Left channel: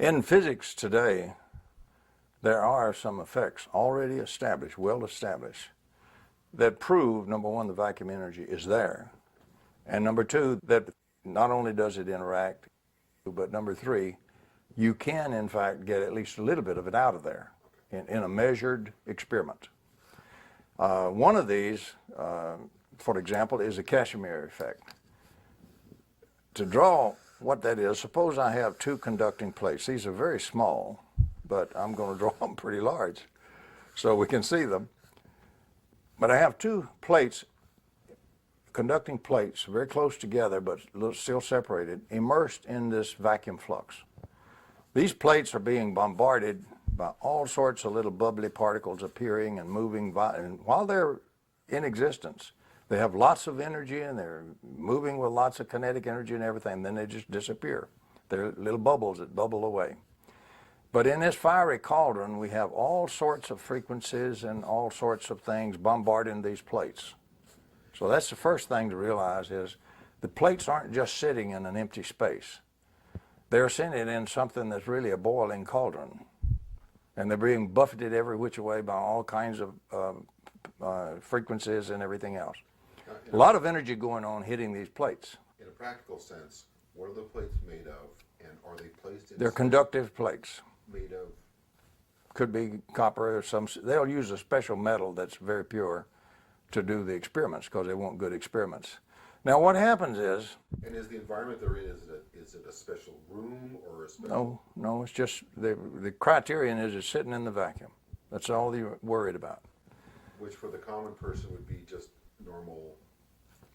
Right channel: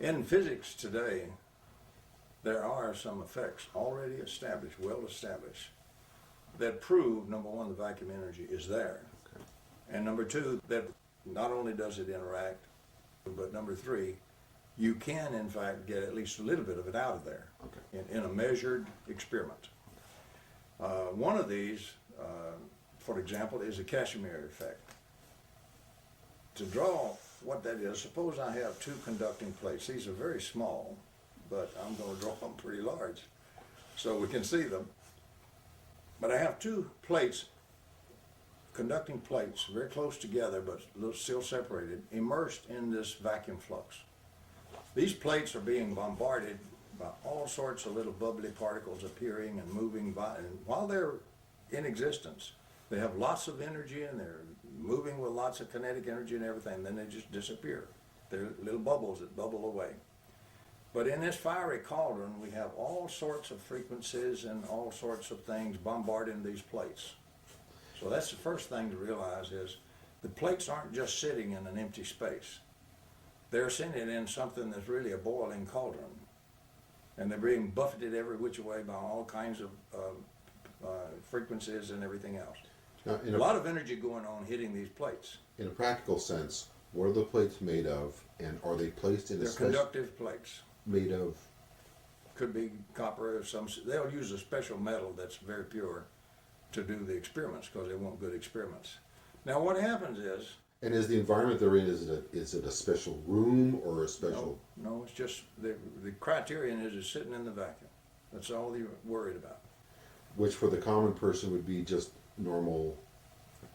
In physics today, there are some effects already established, well established, that prove, number one, the vacuum energy is there, and number two, that not only does it interact, but number three, you can in fact get at least a little bit of it out of there in a measured experiment. One of these, for example, is the Casimir effect. To draw what that is, suppose I have two conducting plates. These are very small, but I'm going to draw them pretty large so we can see them. But I have two plates, conducting plates, very close together but still separated, immersed in this vacuum flux. These plates are being bombarded by all sorts of little bubbly particles appearing and moving, and while they're in existence, they have lots of energy and they're moving with lots of kinetic energy and everything, and then they just disappear. They're little bubbles that bubble away. But in this fiery cauldron, we have all sorts of frequencies and all sorts of things bombarding these plates. So that's the first thing to realize is the plates aren't just sitting in an empty space. They're sitting in something that's really a boiling cauldron. And they're being buffeted every which way by all kinds of frequencies and everything else. Now, a lot of energy going on hitting these plates. In a practical sense, what are the plates made of, and are they placed in They're conductive plates. Made of? Could be copper or some, they'll use a special metal that's very pure to do the experiments because they want good experiments. Now what happens is... And is the environment they're in, is it a special room or a special... No, it's just, the criterion is it's sitting in the vacuum. That's all you're worried about. Which for the common person would be just normal...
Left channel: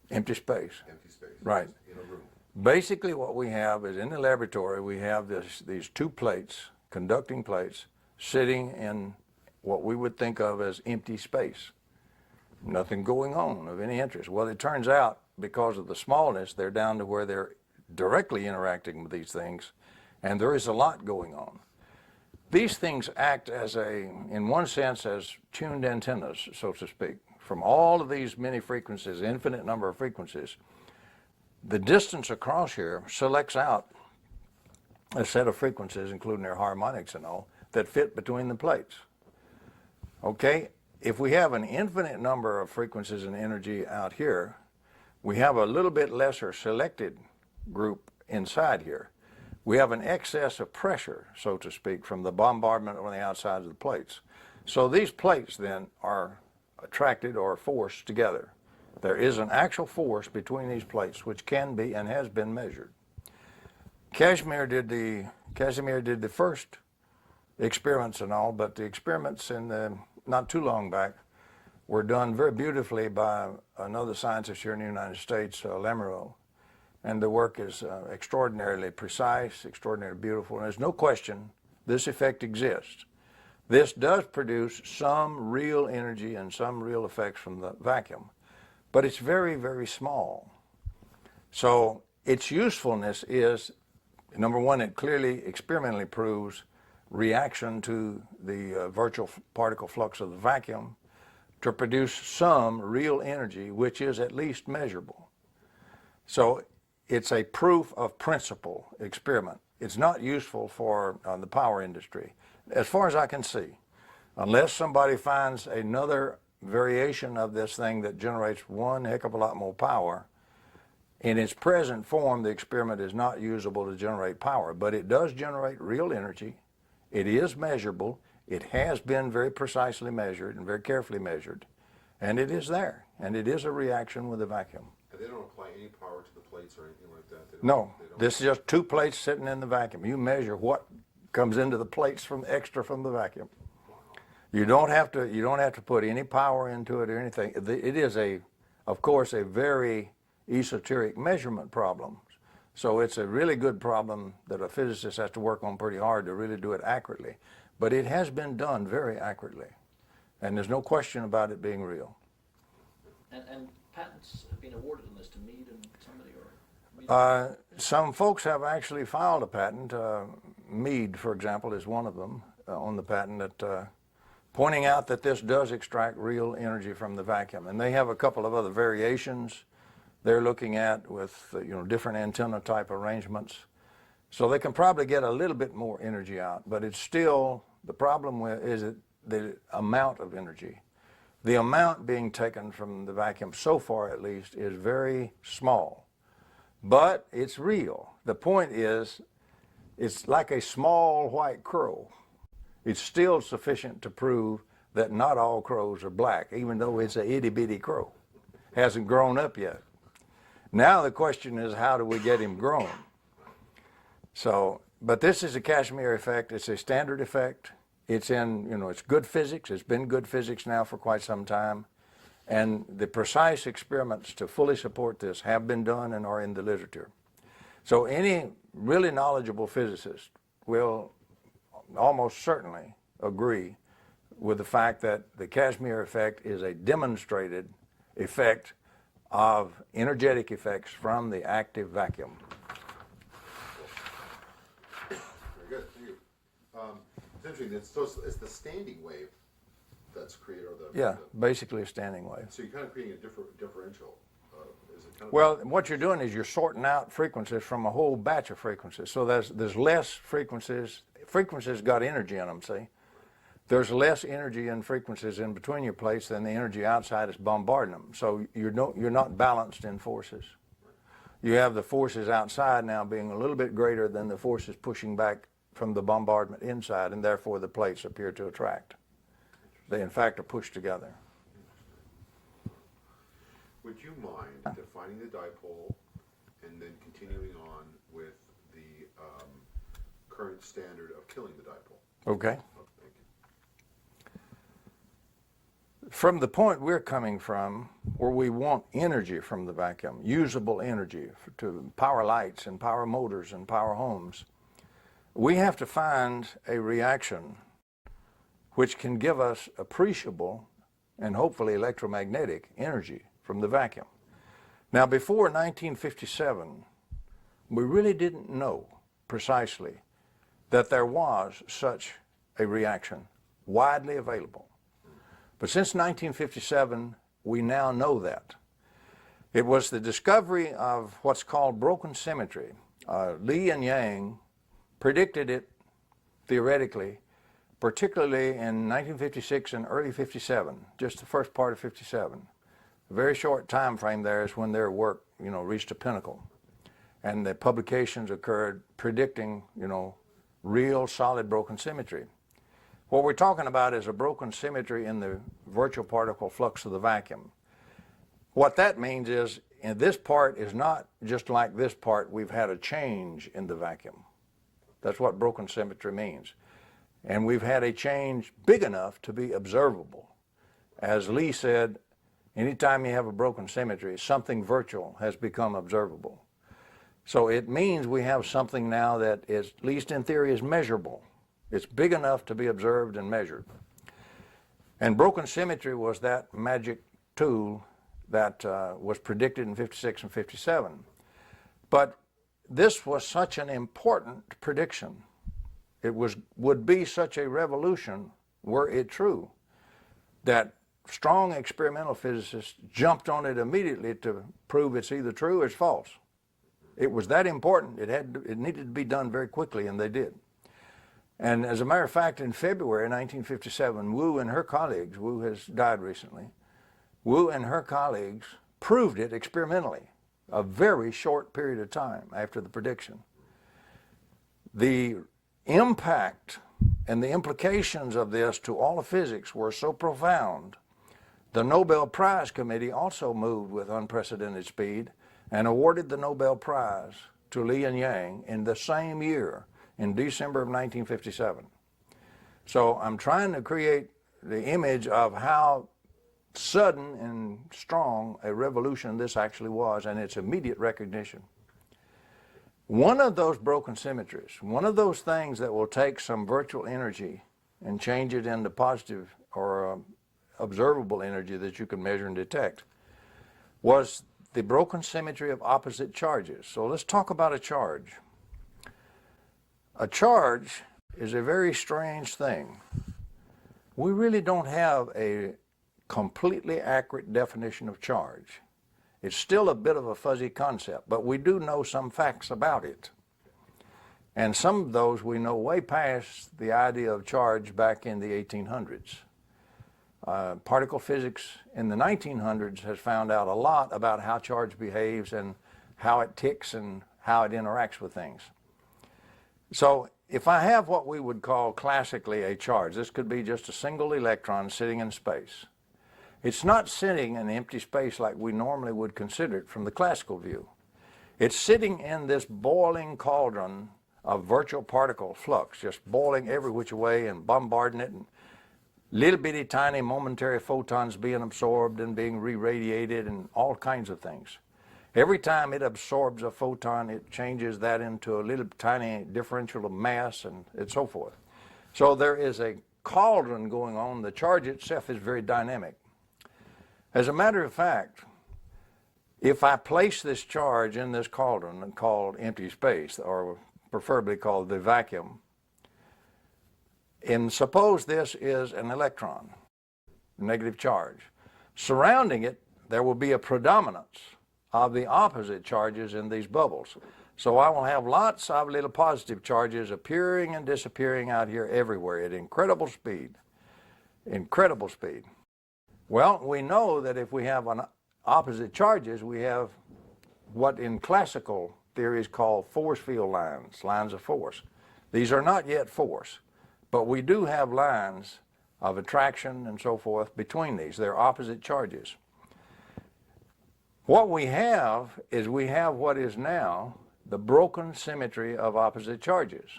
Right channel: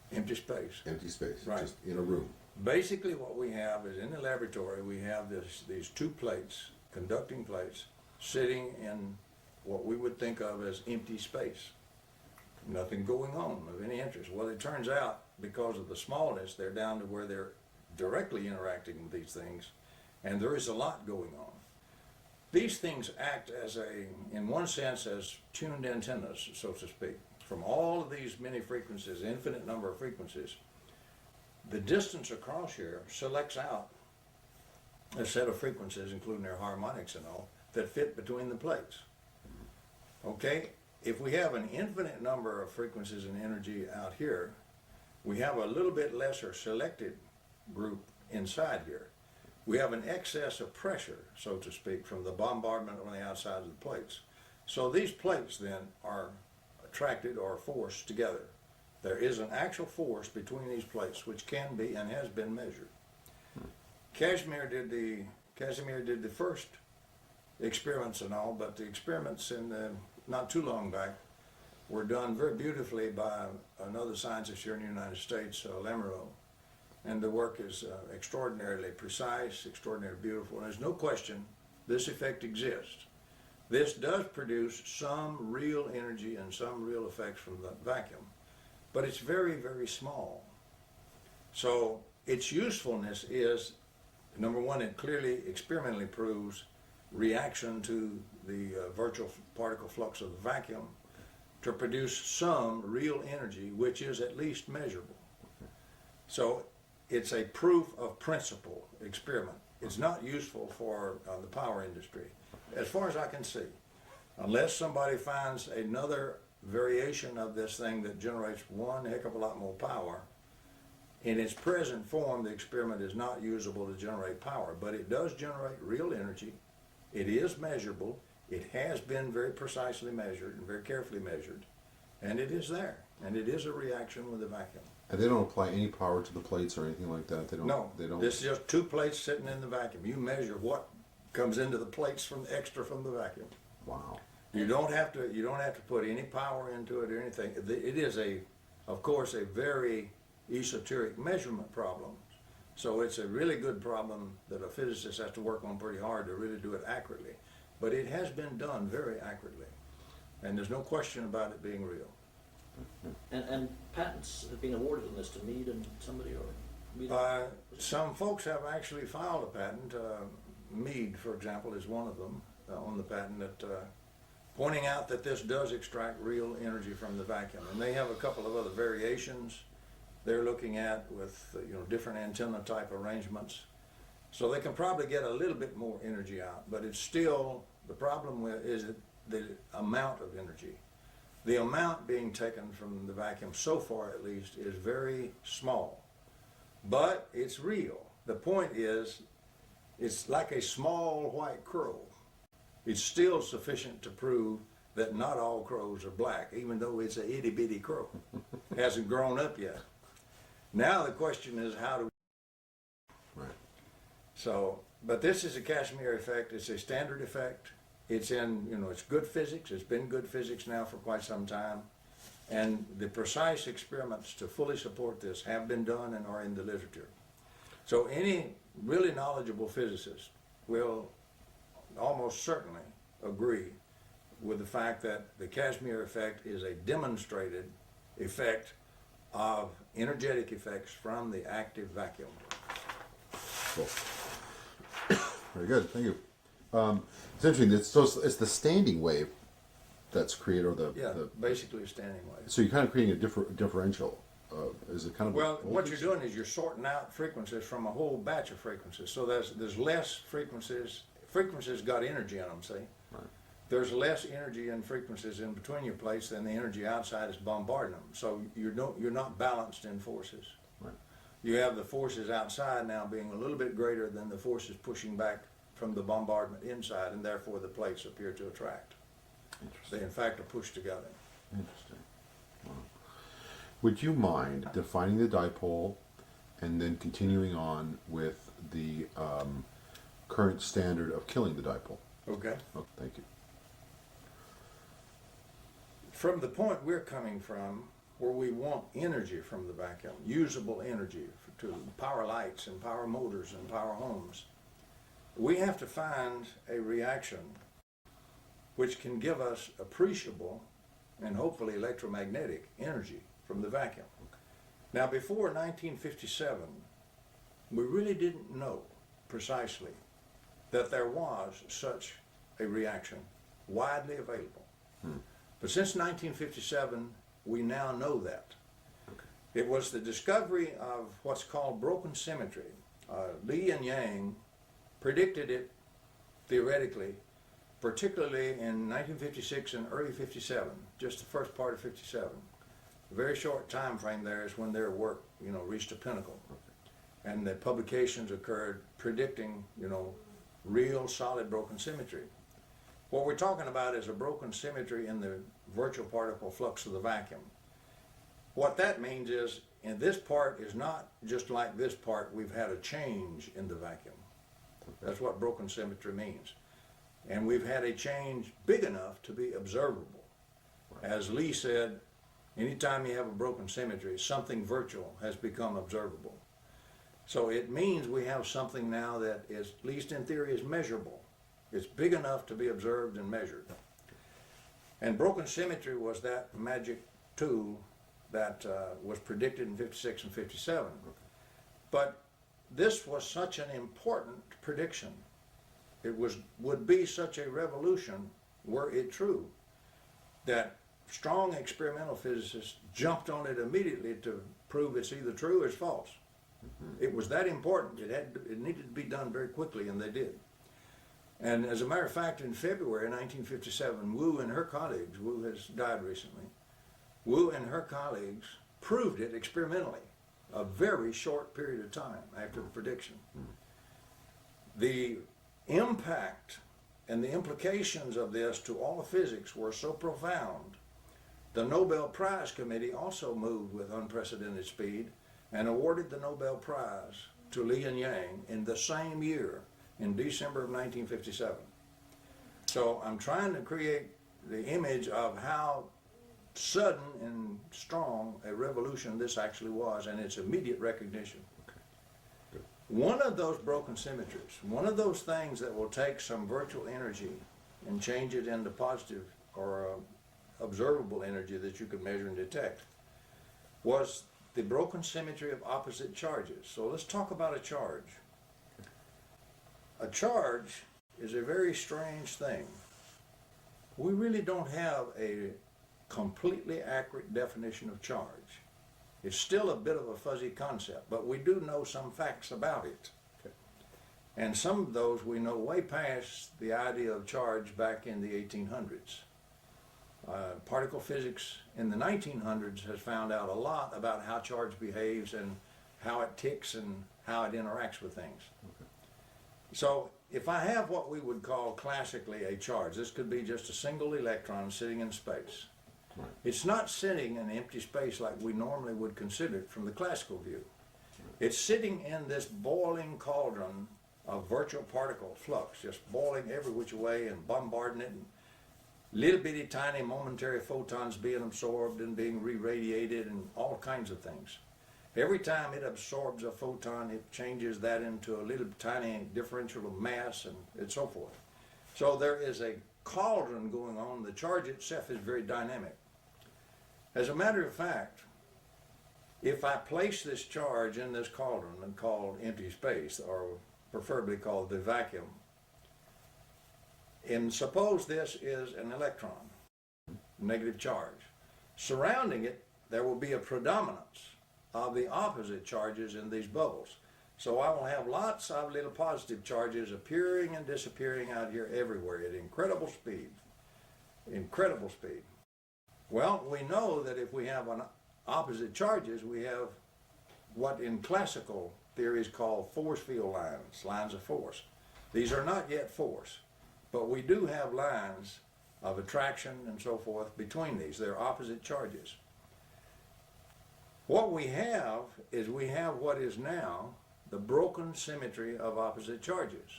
Empty space. Empty space. Right. Just in a room. Basically what we have is in the laboratory we have these two plates, conducting plates, sitting in what we would think of as empty space. Nothing going on of any interest. Well, it turns out because of the smallness, they're down to where they're directly interacting with these things, and there is a lot going on. These things act as in one sense, as tuned antennas, so to speak. From all of these many frequencies, infinite number of frequencies, the distance across here selects out a set of frequencies, including their harmonics and all, that fit between the plates. Okay? If we have an infinite number of frequencies and energy out here, we have a little bit lesser selected group inside here. We have an excess of pressure, so to speak, from the bombardment on the outside of the plates. So these plates then are attracted or forced together. There is an actual force between these plates which can be and has been measured. Casimir did the first experiments and all, but the experiments not too long back were done very beautifully by another scientist here in the United States, Lamoureux. And the work is extraordinarily precise, extraordinarily beautiful, and there's no question this effect exists. This does produce some real energy and some real effects from the vacuum, but it's very, very small. So its usefulness is, number one, it clearly experimentally proves reaction to the virtual particle flux of the vacuum to produce some real energy which is at least measurable. So it's a proof of principle experiment. It's not useful for the power industry, as far as I can see, unless somebody finds another variation of this thing that generates one heck of a lot more power. In its present form, the experiment is not usable to generate power, but it does generate real energy. It is measurable. It has been very precisely measured and very carefully measured, and it is there, and it is a reaction with the vacuum. And they don't apply any power to the plates or anything like that? No, this is just two plates sitting in the vacuum. You measure what comes into the plates from extra from the vacuum. Wow. You don't have to put any power into it or anything. It is of course, a very esoteric measurement problem. So it's a really good problem that a physicist has to work on pretty hard to really do it accurately. But it has been done very accurately, and there's no question about it being real. And patents have been awarded on this to Mead and somebody, or? Some folks have actually filed a patent. Mead, for example, is one of them on the patent that pointing out that this does extract real energy from the vacuum. And they have a couple of other variations they're looking at with different antenna type arrangements. So they can probably get a little bit more energy out, but it's still, the problem with is it the amount of energy. The amount being taken from the vacuum, so far at least, is very small. But it's real. The point is, it's like a small white crow. It's still sufficient to prove that not all crows are black, even though it's a itty-bitty crow. Hasn't grown up yet. Now the question is, how do we get him grown? So, but this is a Kashmir effect. It's a standard effect. It's in, it's good physics. It's been good physics now for quite some time. And the precise experiments to fully support this have been done and are in the literature. So any really knowledgeable physicist will almost certainly agree with the fact that the Kashmir effect is a demonstrated effect of energetic effects from the active vacuum. Cool. Very good, thank you. It's interesting. It's the standing wave that's created, or the basically a standing wave. So you're kind of creating a differential. Is it kind of? Well, what you're doing is you're sorting out frequencies from a whole batch of frequencies. So there's less frequencies. Frequencies got energy in them. See, right. There's less energy in frequencies in between your plates than the energy outside is bombarding them. So you're not balanced in forces. Right. You have the forces outside now being a little bit greater than the forces pushing back from the bombardment inside, and therefore the plates appear to attract. They in fact are pushed together. Interesting. Would you mind defining the dipole and then continuing on with the current standard of killing the dipole? Okay. Oh, thank you. From the point we're coming from, where we want energy from the vacuum, usable energy to power lights and power motors and power homes, we have to find a reaction which can give us appreciable and hopefully electromagnetic energy from the vacuum. Now, before 1957, we really didn't know precisely that there was such a reaction widely available. But since 1957, we now know that. It was the discovery of what's called broken symmetry. Li and Yang predicted it theoretically, particularly in 1956 and early 57, just the first part of 57. A very short time frame there is when their work, reached a pinnacle. And the publications occurred predicting, real solid broken symmetry. What we're talking about is a broken symmetry in the virtual particle flux of the vacuum. What that means is, in this part is not just like this part, we've had a change in the vacuum. That's what broken symmetry means. And we've had a change big enough to be observable. As Lee said, anytime you have a broken symmetry, something virtual has become observable. So it means we have something now that is, at least in theory, is measurable. It's big enough to be observed and measured. And broken symmetry was that magic tool that was predicted in 56 and 57. But this was such an important prediction. It would be such a revolution, were it true, that strong experimental physicists jumped on it immediately to prove it's either true or it's false. It was that important. It needed to be done very quickly, and they did. And as a matter of fact, in February 1957, Wu and her colleagues, Wu has died recently, Wu and her colleagues proved it experimentally, a very short period of time after the prediction. The impact and the implications of this to all of physics were so profound, the Nobel Prize Committee also moved with unprecedented speed and awarded the Nobel Prize to Li and Yang in the same year, in December of 1957. So I'm trying to create the image of how sudden and strong a revolution this actually was, and its immediate recognition. One of those broken symmetries, one of those things that will take some virtual energy and change it into positive or observable energy that you can measure and detect, was the broken symmetry of opposite charges. So let's talk about a charge. A charge is a very strange thing. We really don't have a completely accurate definition of charge. It's still a bit of a fuzzy concept, but we do know some facts about it. And some of those we know way past the idea of charge back in the 1800s. Particle physics in the 1900s has found out a lot about how charge behaves and how it ticks and how it interacts with things. So if I have what we would call classically a charge, this could be just a single electron sitting in space. It's not sitting in empty space like we normally would consider it from the classical view. It's sitting in this boiling cauldron of virtual particle flux, just boiling every which way and bombarding it, and little bitty tiny momentary photons being absorbed and being re-radiated and all kinds of things. Every time it absorbs a photon, it changes that into a little tiny differential of mass and so forth. So there is a cauldron going on. The charge itself is very dynamic. As a matter of fact, if I place this charge in this cauldron called empty space, or preferably called the vacuum, and suppose this is an electron, negative charge. Surrounding it, there will be a predominance of the opposite charges in these bubbles. So I will have lots of little positive charges appearing and disappearing out here everywhere at incredible speed. Incredible speed. Well, we know that if we have opposite charges, we have what in classical theory is called force field lines, lines of force. These are not yet force, but we do have lines of attraction and so forth between these. They're opposite charges. What we have is we have what is now the broken symmetry of opposite charges,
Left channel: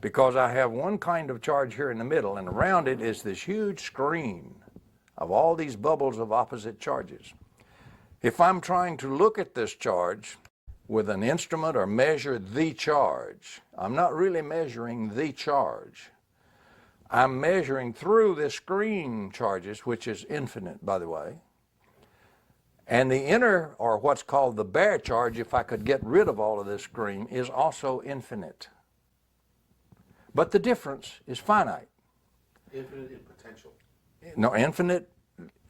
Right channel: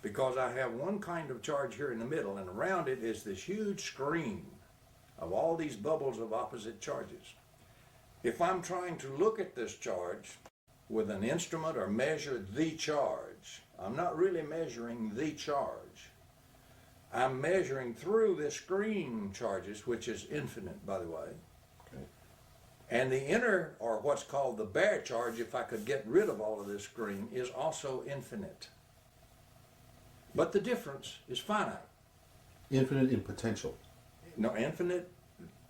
because I have one kind of charge here in the middle, and around it is this huge screen of all these bubbles of opposite charges. If I'm trying to look at this charge with an instrument or measure the charge, I'm not really measuring the charge. I'm measuring through this screen charges, which is infinite, by the way. And the inner, or what's called the bare charge, if I could get rid of all of this screen, is also infinite. But the difference is finite. Infinite in potential. No, infinite,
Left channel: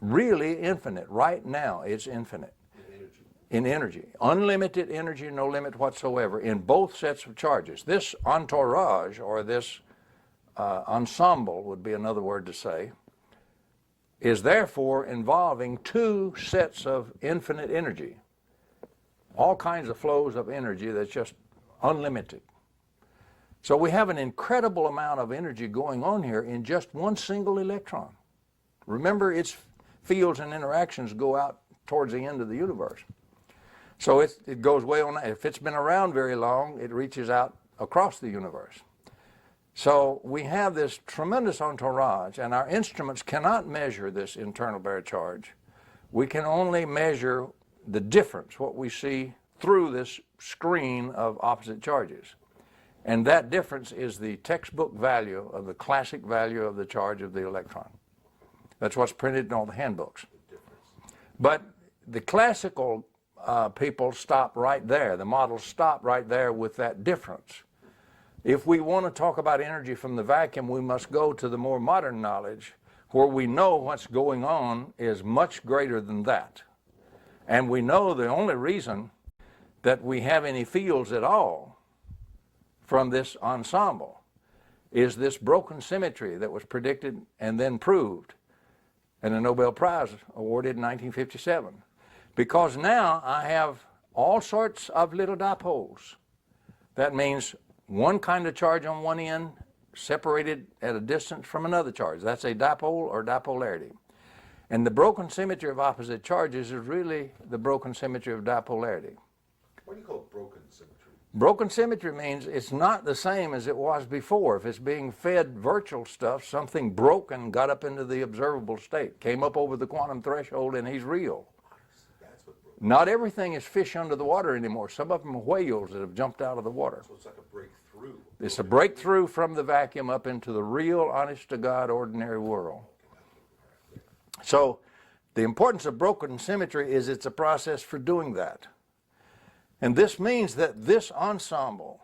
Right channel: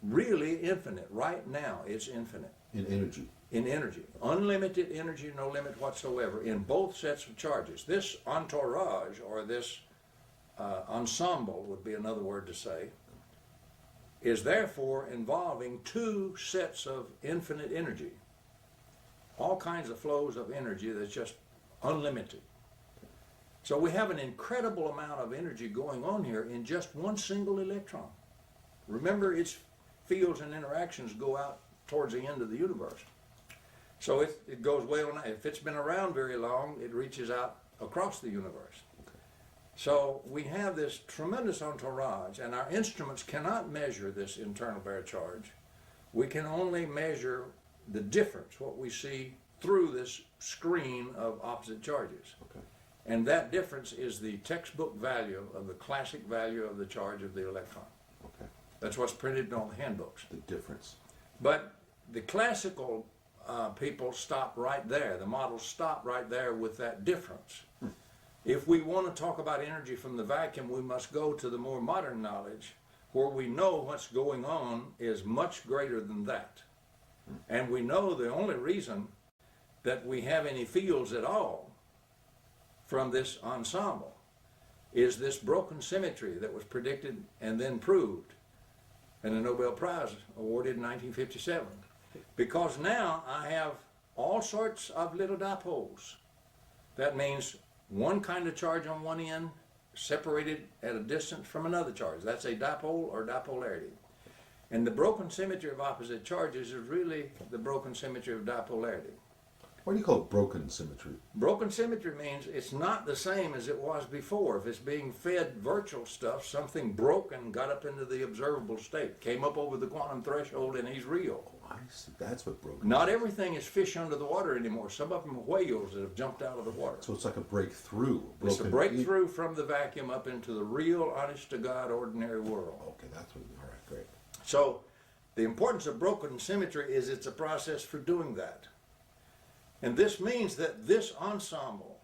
really infinite. Right now, it's infinite. In energy. In energy. Unlimited energy, no limit whatsoever, in both sets of charges. This entourage, or this ensemble would be another word to say, is therefore involving two sets of infinite energy. All kinds of flows of energy that's just unlimited. So we have an incredible amount of energy going on here in just one single electron. Remember, its fields and interactions go out towards the end of the universe. So it goes way on. If it's been around very long, it reaches out across the universe. So we have this tremendous entourage, and our instruments cannot measure this internal bare charge. We can only measure the difference, what we see through this screen of opposite charges. Okay. And that difference is the textbook value of the classic value of the charge of the electron. Okay. That's what's printed in all the handbooks. The difference. But the classical people stop right there. The models stop right there with that difference. If we want to talk about energy from the vacuum, we must go to the more modern knowledge where we know what's going on is much greater than that. And we know the only reason that we have any fields at all from this ensemble is this broken symmetry that was predicted and then proved, and a Nobel Prize awarded in 1957. Because now I have all sorts of little dipoles. That means one kind of charge on one end separated at a distance from another charge. That's a dipole or dipolarity. And the broken symmetry of opposite charges is really the broken symmetry of dipolarity. What do you call broken symmetry? Broken symmetry means it's not the same as it was before. If it's being fed virtual stuff, something broke and got up into the observable state, came up over the quantum threshold, and he's real. That's what broke. Not everything is fish under the water anymore. Some of them are whales that have jumped out of the water. So it's like a breakthrough. It's a breakthrough from the vacuum up into the real, honest-to-God, ordinary world. Okay, that's what. All right, great. So the importance of broken symmetry is it's a process for doing that. And this means that this ensemble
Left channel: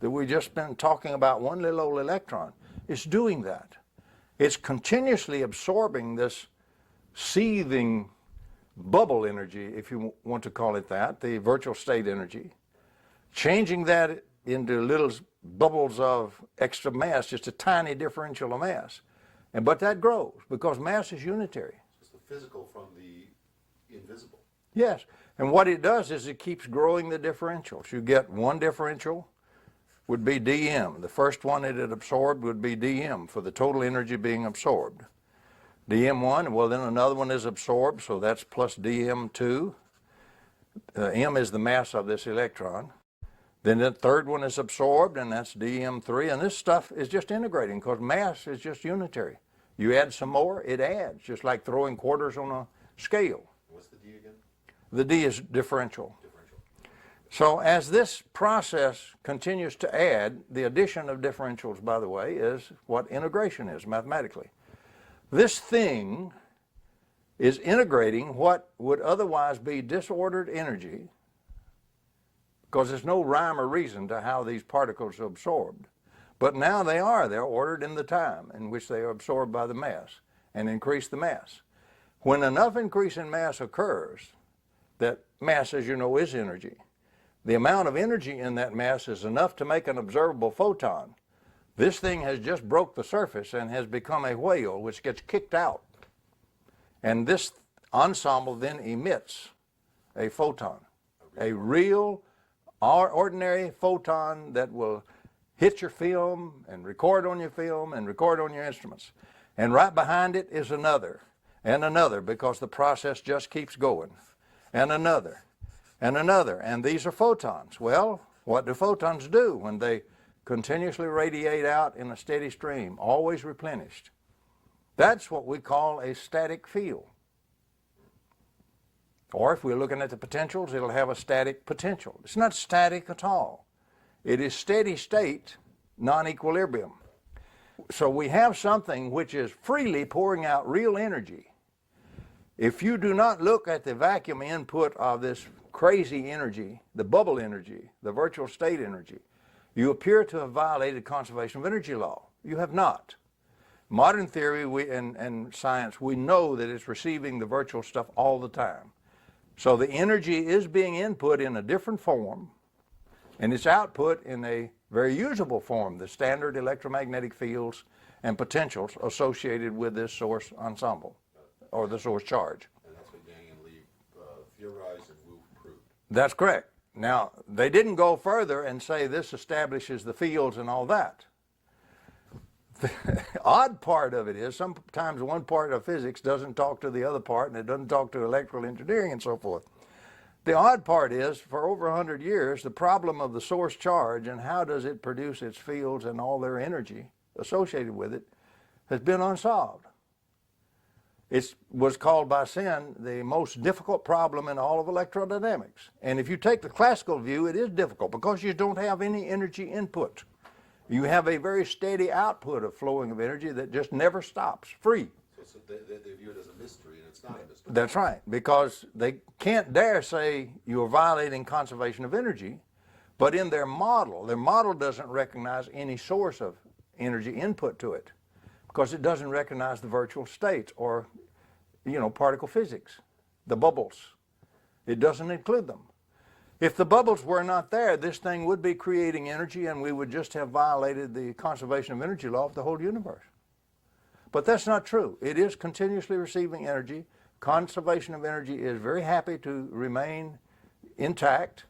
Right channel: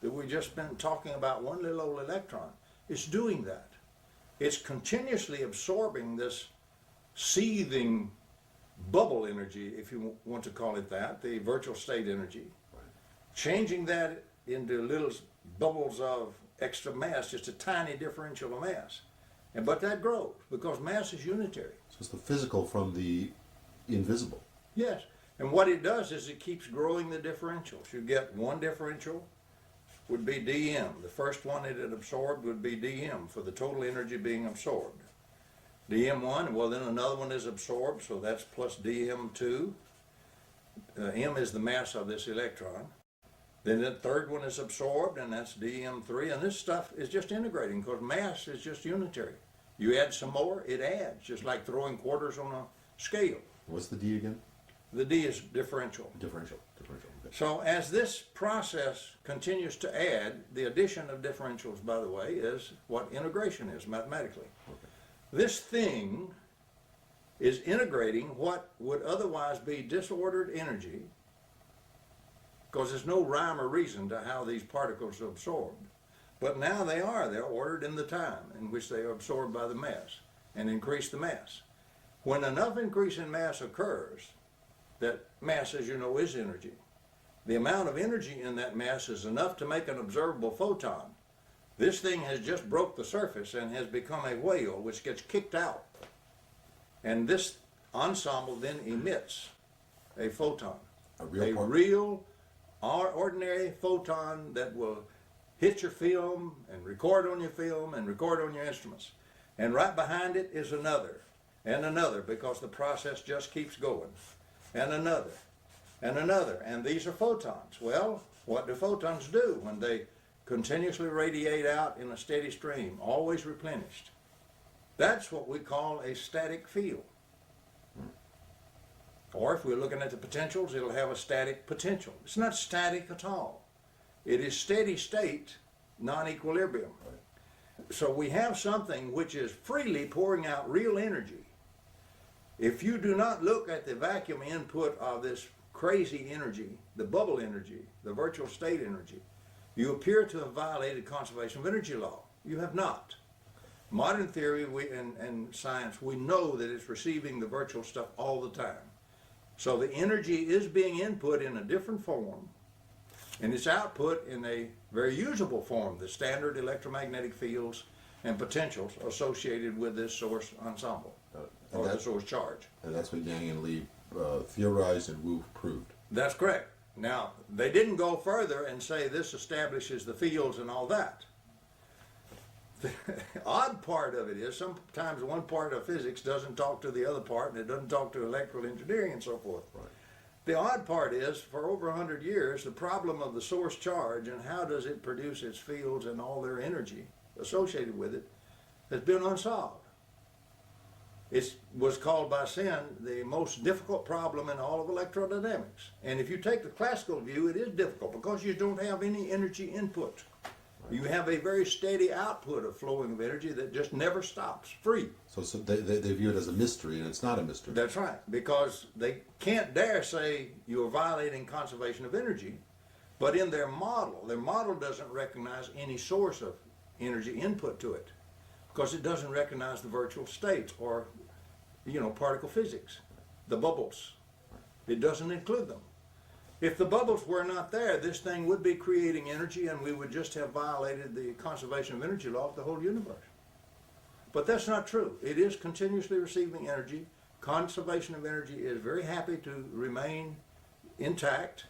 that we've just been talking about, one little old electron, is doing that. It's continuously absorbing this seething bubble energy, if you want to call it that, the virtual state energy, changing that into little bubbles of extra mass, just a tiny differential of mass. But that grows because mass is unitary. So it's the physical from the invisible. Yes. And what it does is it keeps growing the differentials. You get one differential would be dm. The first one that it absorbed would be dm for the total energy being absorbed. dm1, well then another one is absorbed, so that's plus dm2. M is the mass of this electron. Then the third one is absorbed, and that's dm3. And this stuff is just integrating because mass is just unitary. You add some more, it adds, just like throwing quarters on a scale. What's the D again? The D is differential. Differential. So as this process continues to add, the addition of differentials, by the way, is what integration is mathematically. This thing is integrating what would otherwise be disordered energy, because there's no rhyme or reason to how these particles are absorbed. But now they are. They're ordered in the time in which they are absorbed by the mass and increase the mass. When enough increase in mass occurs, that mass, as you know, is energy. The amount of energy in that mass is enough to make an observable photon. This thing has just broke the surface and has become a whale which gets kicked out. And this ensemble then emits a photon, a real ordinary photon that will hit your film and record on your film and record on your instruments. And right behind it is another and another, because the process just keeps going, and another and another. And these are photons. Well, what do photons do when they continuously radiate out in a steady stream, always replenished? That's what we call a static field. Or if we're looking at the potentials, it'll have a static potential. It's not static at all. It is steady state, non-equilibrium. So we have something which is freely pouring out real energy. If you do not look at the vacuum input of this crazy energy, the bubble energy, the virtual state energy, you appear to have violated conservation of energy law. You have not. Modern theory and science, we know that it's receiving the virtual stuff all the time. So the energy is being input in a different form, and it's output in a very usable form, the standard electromagnetic fields and potentials associated with this source ensemble, or the source charge. And that's what Yang and Lee theorized and Wu proved. That's correct. Now, they didn't go further and say this establishes the fields and all that. The odd part of it is sometimes one part of physics doesn't talk to the other part, and it doesn't talk to electrical engineering and so forth. The odd part is, for over 100 years, the problem of the source charge and how does it produce its fields and all their energy associated with it has been unsolved. It was called by Sen the most difficult problem in all of electrodynamics. And if you take the classical view, it is difficult because you don't have any energy input. You have a very steady output of flowing of energy that just never stops, free. So they view it as a mystery, and it's not a mystery. That's right, because they can't dare say you are violating conservation of energy, but in their model doesn't recognize any source of energy input to it, because it doesn't recognize the virtual states or, particle physics, the bubbles. It doesn't include them. If the bubbles were not there, this thing would be creating energy, and we would just have violated the conservation of energy law of the whole universe. But that's not true. It is continuously receiving energy. Conservation of energy is very happy to remain intact.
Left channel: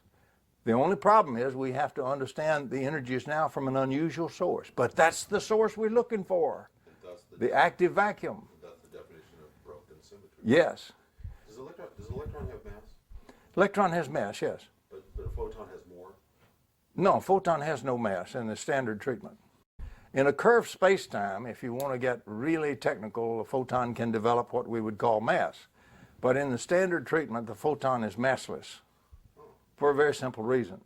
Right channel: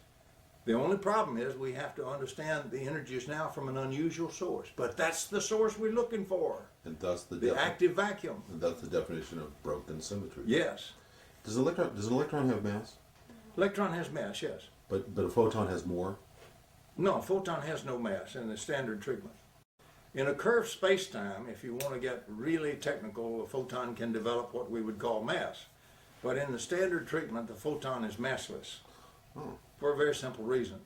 The only problem is we have to understand the energy is now from an unusual source. But that's the source we're looking for, And thus the active vacuum. And that's the definition of broken symmetry. Yes. Does an electron have mass? Electron has mass, yes. But a photon has more? No, a photon has no mass in the standard treatment. In a curved space-time, if you want to get really technical, a photon can develop what we would call mass. But in the standard treatment, the photon is massless for a very simple reason.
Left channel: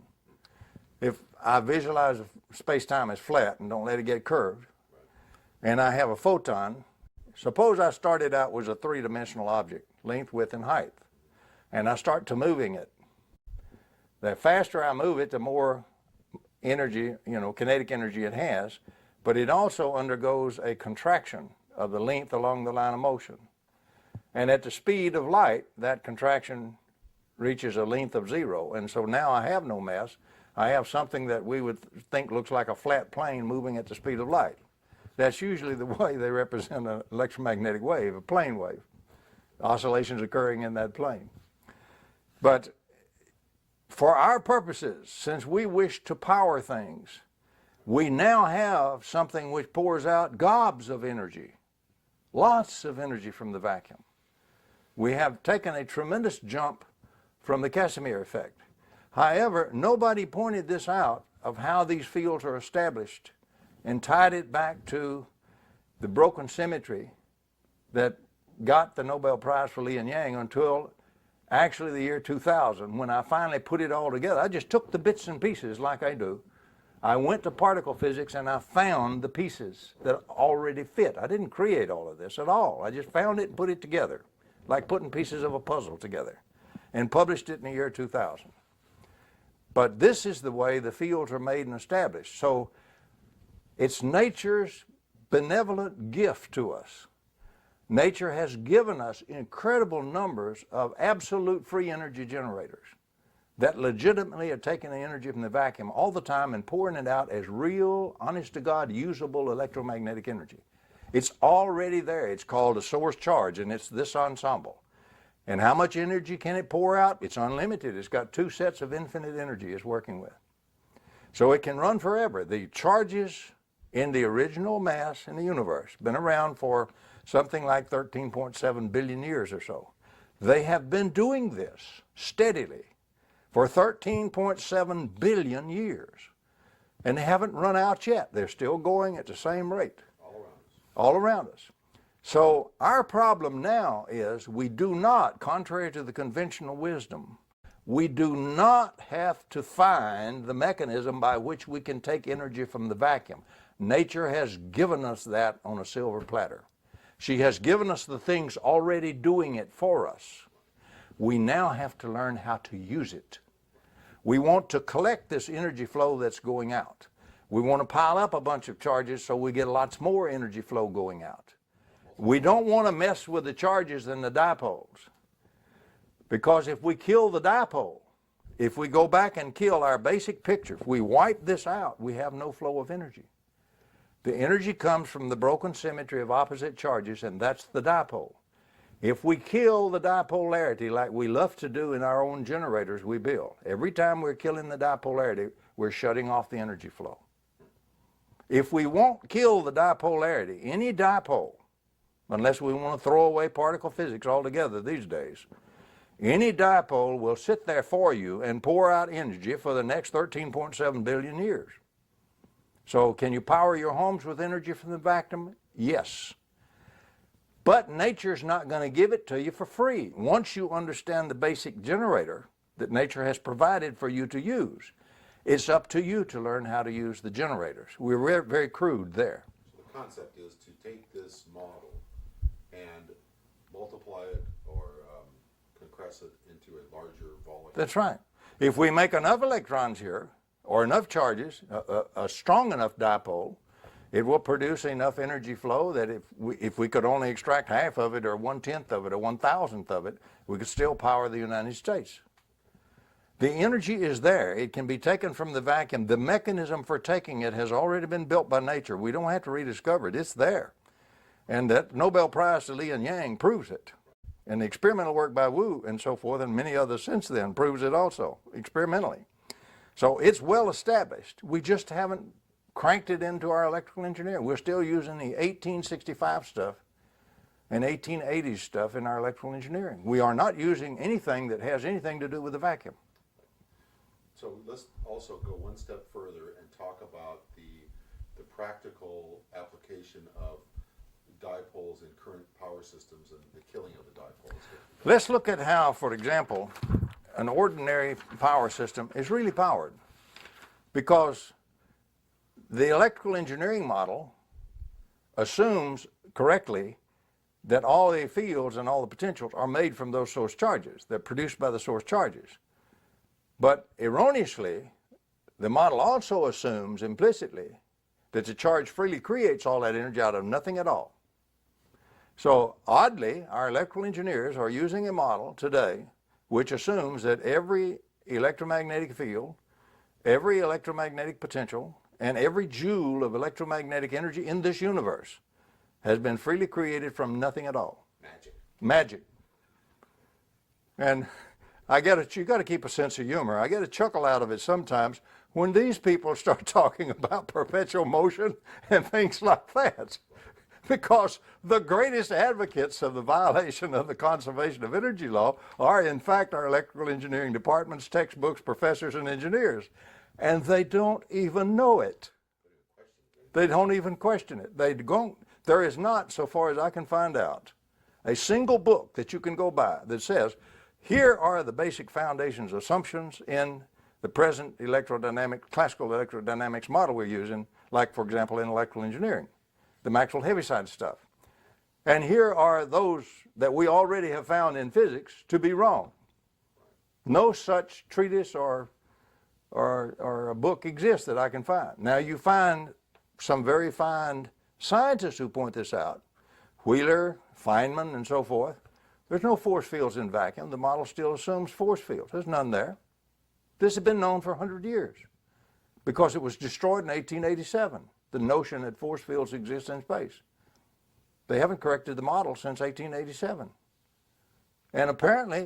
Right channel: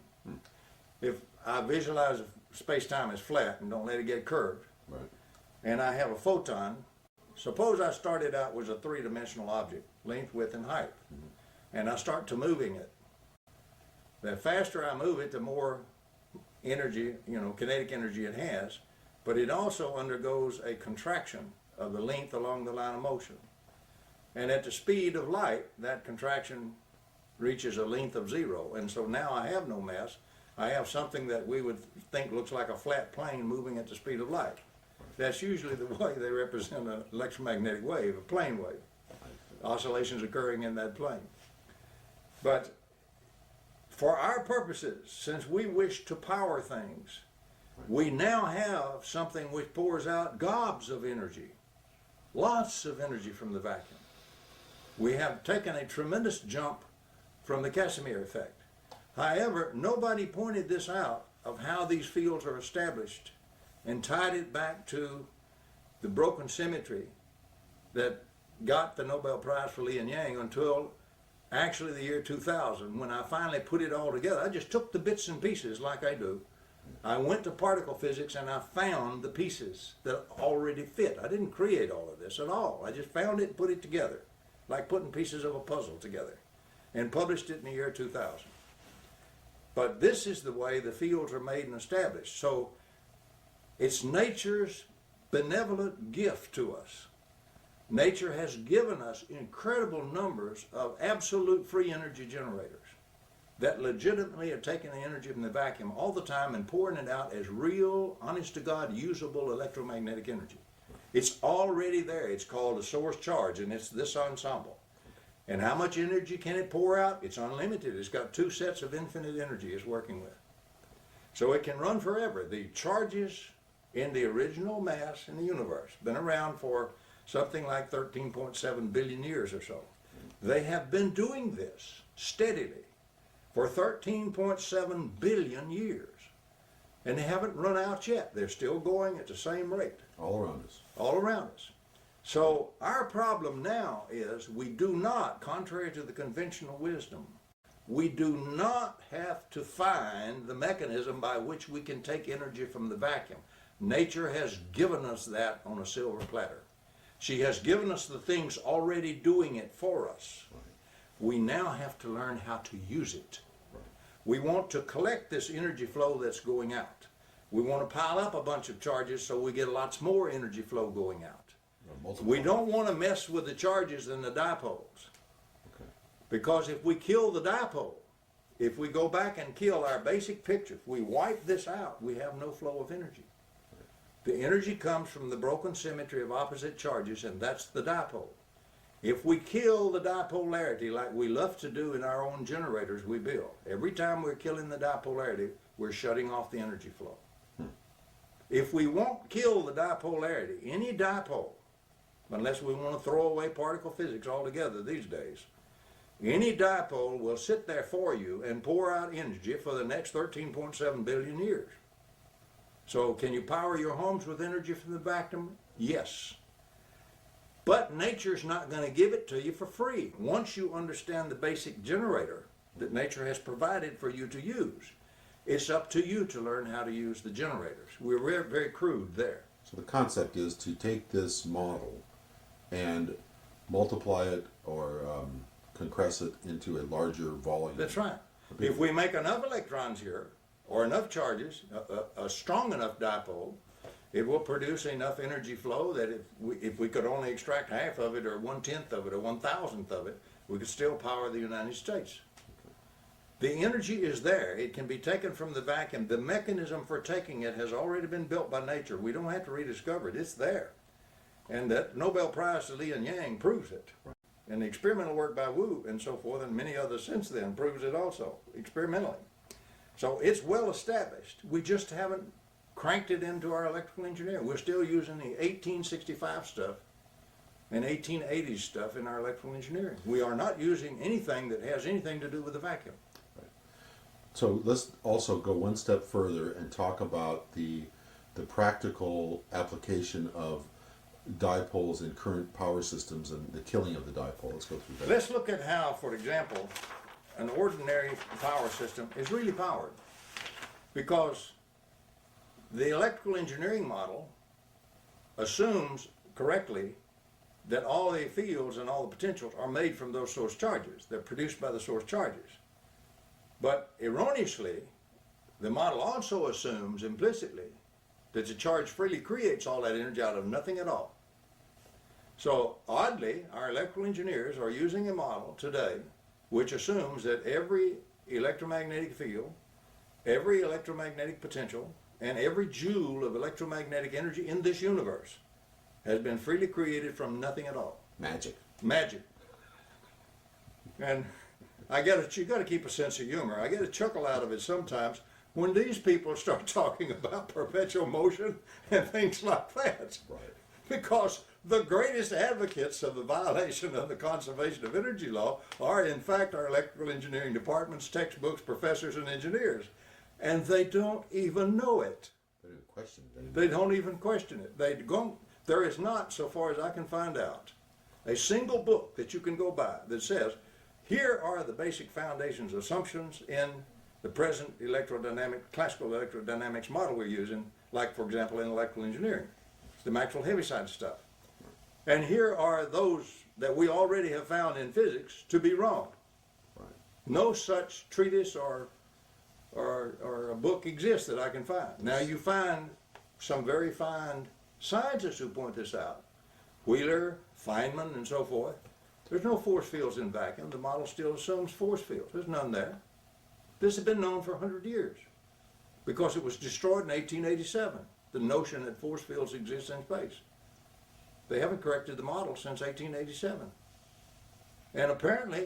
If I visualize space-time as flat and don't let it get curved, and I have a photon, suppose I started out with a three-dimensional object, length, width, and height, and I start to moving it. The faster I move it, the more energy, kinetic energy it has, but it also undergoes a contraction of the length along the line of motion. And at the speed of light, that contraction reaches a length of 0, and so now I have no mass. I have something that we would think looks like a flat plane moving at the speed of light. That's usually the way they represent an electromagnetic wave, a plane wave. Oscillations occurring in that plane. But for our purposes, since we wish to power things, we now have something which pours out gobs of energy, lots of energy from the vacuum. We have taken a tremendous jump from the Casimir effect. However, nobody pointed this out of how these fields are established and tied it back to the broken symmetry that got the Nobel Prize for Li and Yang until actually the year 2000, when I finally put it all together. I just took the bits and pieces like I do. I went to particle physics and I found the pieces that already fit. I didn't create all of this at all. I just found it and put it together, like putting pieces of a puzzle together, and published it in the year 2000. But this is the way the fields are made and established. So it's nature's benevolent gift to us. Nature has given us incredible numbers of absolute free energy generators that legitimately are taking the energy from the vacuum all the time and pouring it out as real, honest-to-God, usable electromagnetic energy. It's already there. It's called a source charge, and it's this ensemble. And how much energy can it pour out? It's unlimited. It's got two sets of infinite energy it's working with. So it can run forever. The charges in the original mass in the universe been around for something like 13.7 billion years or so. They have been doing this steadily for 13.7 billion years. And they haven't run out yet. They're still going at the same rate. All around us. All around us. So our problem now is we do not, contrary to the conventional wisdom, we do not have to find the mechanism by which we can take energy from the vacuum. Nature has given us that on a silver platter. She has given us the things already doing it for us. We now have to learn how to use it. We want to collect this energy flow that's going out. We want to pile up a bunch of charges so we get lots more energy flow going out. We don't want to mess with the charges and the dipoles. Because if we kill the dipole, if we go back and kill our basic picture, if we wipe this out, we have no flow of energy. The energy comes from the broken symmetry of opposite charges, and that's the dipole. If we kill the dipolarity like we love to do in our own generators we build, every time we're killing the dipolarity, we're shutting off the energy flow. If we won't kill the dipolarity, any dipole, unless we want to throw away particle physics altogether these days, any dipole will sit there for you and pour out energy for the next 13.7 billion years. So can you power your homes with energy from the vacuum? Yes. But nature's not going to give it to you for free. Once you understand the basic generator that nature has provided for you to use, it's up to you to learn how to use the generators. We're very, very crude there. So the concept is to take this model and multiply it or compress it into a larger volume. That's right. If we make enough electrons here, or enough charges, a strong enough dipole, it will produce enough energy flow that if we could only extract half of it or 1/10 of it or 1,000th of it, we could still power the United States. The energy is there. It can be taken from the vacuum. The mechanism for taking it has already been built by nature. We don't have to rediscover it. It's there. And that Nobel Prize to Li and Yang proves it. And the experimental work by Wu and so forth, and many others since then, proves it also, experimentally. So it's well established. We just haven't cranked it into our electrical engineering. We're still using the 1865 stuff and 1880s stuff in our electrical engineering. We are not using anything that has anything to do with the vacuum. So let's also go one step further and talk about the practical application of dipoles in current power systems and the killing of the dipole. Let's go through that. Let's look at how, for example, an ordinary power system is really powered, because the electrical engineering model assumes correctly that all the fields and all the potentials are made from those source charges. They're produced by the source charges. But erroneously, the model also assumes implicitly that the charge freely creates all that energy out of nothing at all. So oddly, our electrical engineers are using a model today which assumes that every electromagnetic field every electromagnetic potential and every joule of electromagnetic energy in this universe has been freely created from nothing at all. Magic. Magic. And you got to keep a sense of humor. I get a chuckle out of it sometimes when these people start talking about perpetual motion and things like that. Because the greatest advocates of the violation of the conservation of energy law are, in fact, our electrical engineering departments, textbooks, professors, and engineers. And they don't even know it. They don't even question it. There is not, so far as I can find out, a single book that you can go by that says, here are the basic foundations, assumptions in the present classical electrodynamics model we're using, like, for example, in electrical engineering, the Maxwell Heaviside stuff. And here are those that we already have found in physics to be wrong. Right. No such treatise or a book exists that I can find. Now you find some very fine scientists who point this out, Wheeler, Feynman, and so forth. There's no force fields in vacuum. The model still assumes force fields. There's none there. This has been known for 100 years because it was destroyed in 1887, the notion that force fields exist in space. They haven't corrected the model since 1887. And apparently,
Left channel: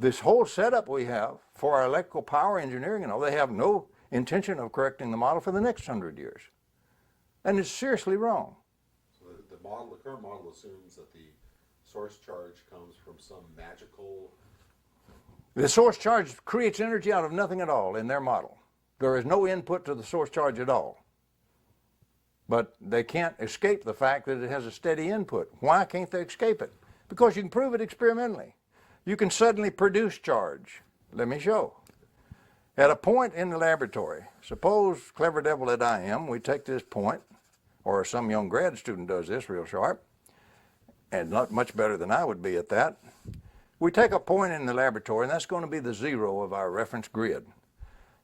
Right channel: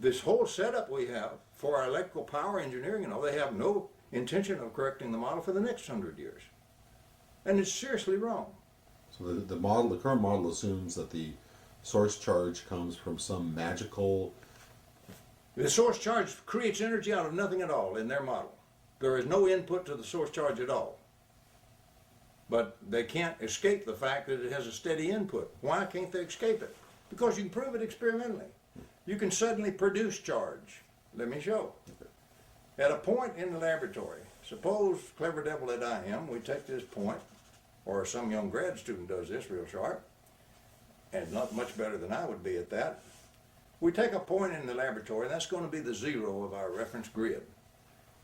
this whole setup we have for our electrical power engineering, they have no intention of correcting the model for the next 100 years. And it's seriously wrong. So the current model assumes that the source charge comes from some magical... The source charge creates energy out of nothing at all in their model. There is no input to the source charge at all. But they can't escape the fact that it has a steady input. Why can't they escape it? Because you can prove it experimentally. You can suddenly produce charge. Let me show. At a point in the laboratory, suppose, clever devil that I am, we take this point, or some young grad student does this real sharp, and not much better than I would be at that. We take a point in the laboratory, and that's going to be the zero of our reference grid.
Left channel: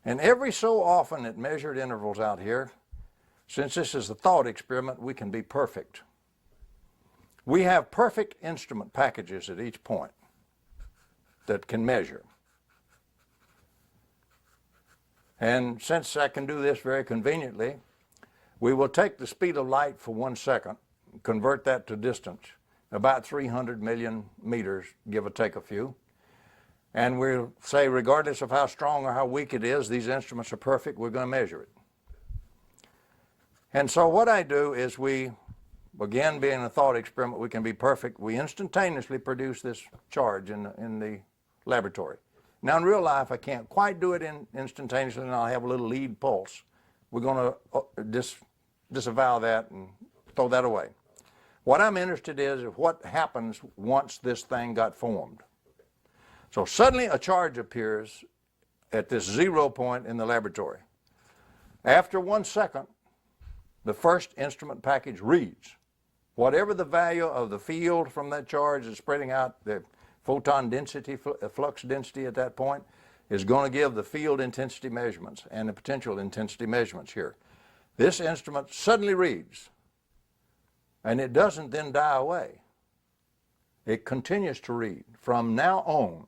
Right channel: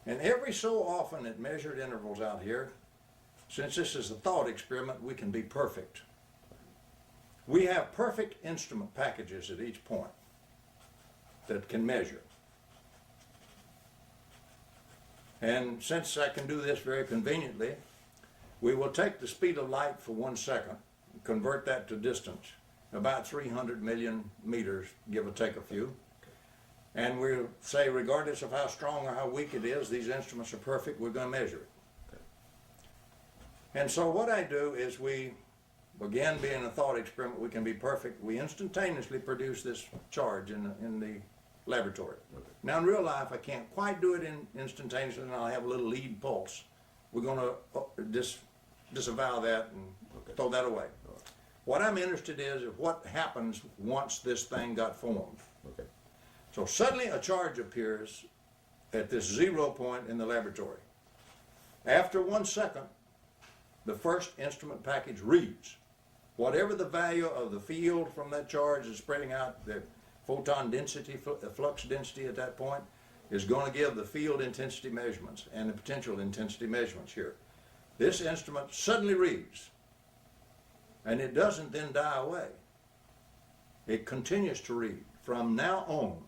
And every so often at measured intervals out here, since this is a thought experiment, we can be perfect. We have perfect instrument packages at each point that can measure. And since I can do this very conveniently, we will take the speed of light for 1 second, convert that to distance, about 300 million meters, give or take a few. And we'll say, regardless of how strong or how weak it is, these instruments are perfect, we're going to measure it. And so what I do is again, being a thought experiment, we can be perfect. We instantaneously produce this charge in the laboratory. Okay. Now in real life, I can't quite do it instantaneously, and I'll have a little lead pulse. We're going to disavow that and throw that away. What I'm interested in is what happens once this thing got formed. Okay. So suddenly a charge appears at this 0 point in the laboratory. After 1 second, the first instrument package reads. Whatever the value of the field from that charge is spreading out, the photon density, flux density at that point, is going to give the field intensity measurements and the potential intensity measurements here. This instrument suddenly reads, and it doesn't then die away. It continues to read from now on.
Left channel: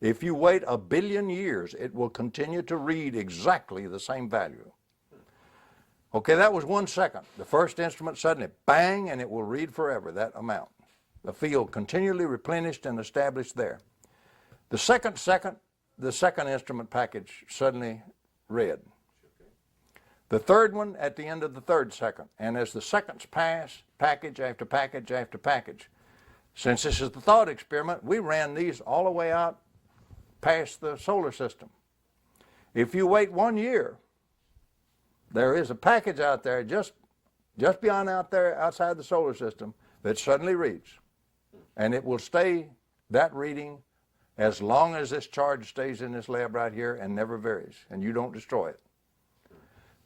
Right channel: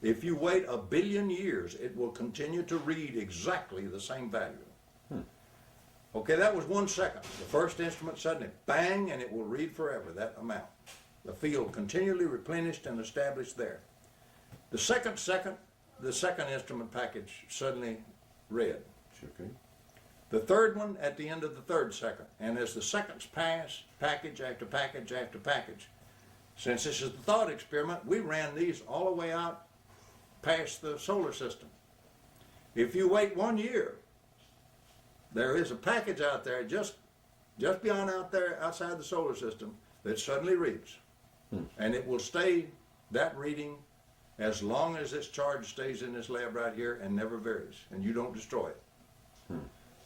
If you wait 1 billion years, it will continue to read exactly the same value. Okay, that was 1 second. The first instrument suddenly, bang, and it will read forever, that amount. The field continually replenished and established there. The second instrument package suddenly read. Okay. The third one at the end of the 3rd second. And as the seconds pass, package after package after package. Since this is the thought experiment, we ran these all the way out past the solar system. If you wait 1 year, there is a package out there just beyond out there outside the solar system that suddenly reads. And it will stay that reading as long as this charge stays in this lab right here and never varies, and you don't destroy it.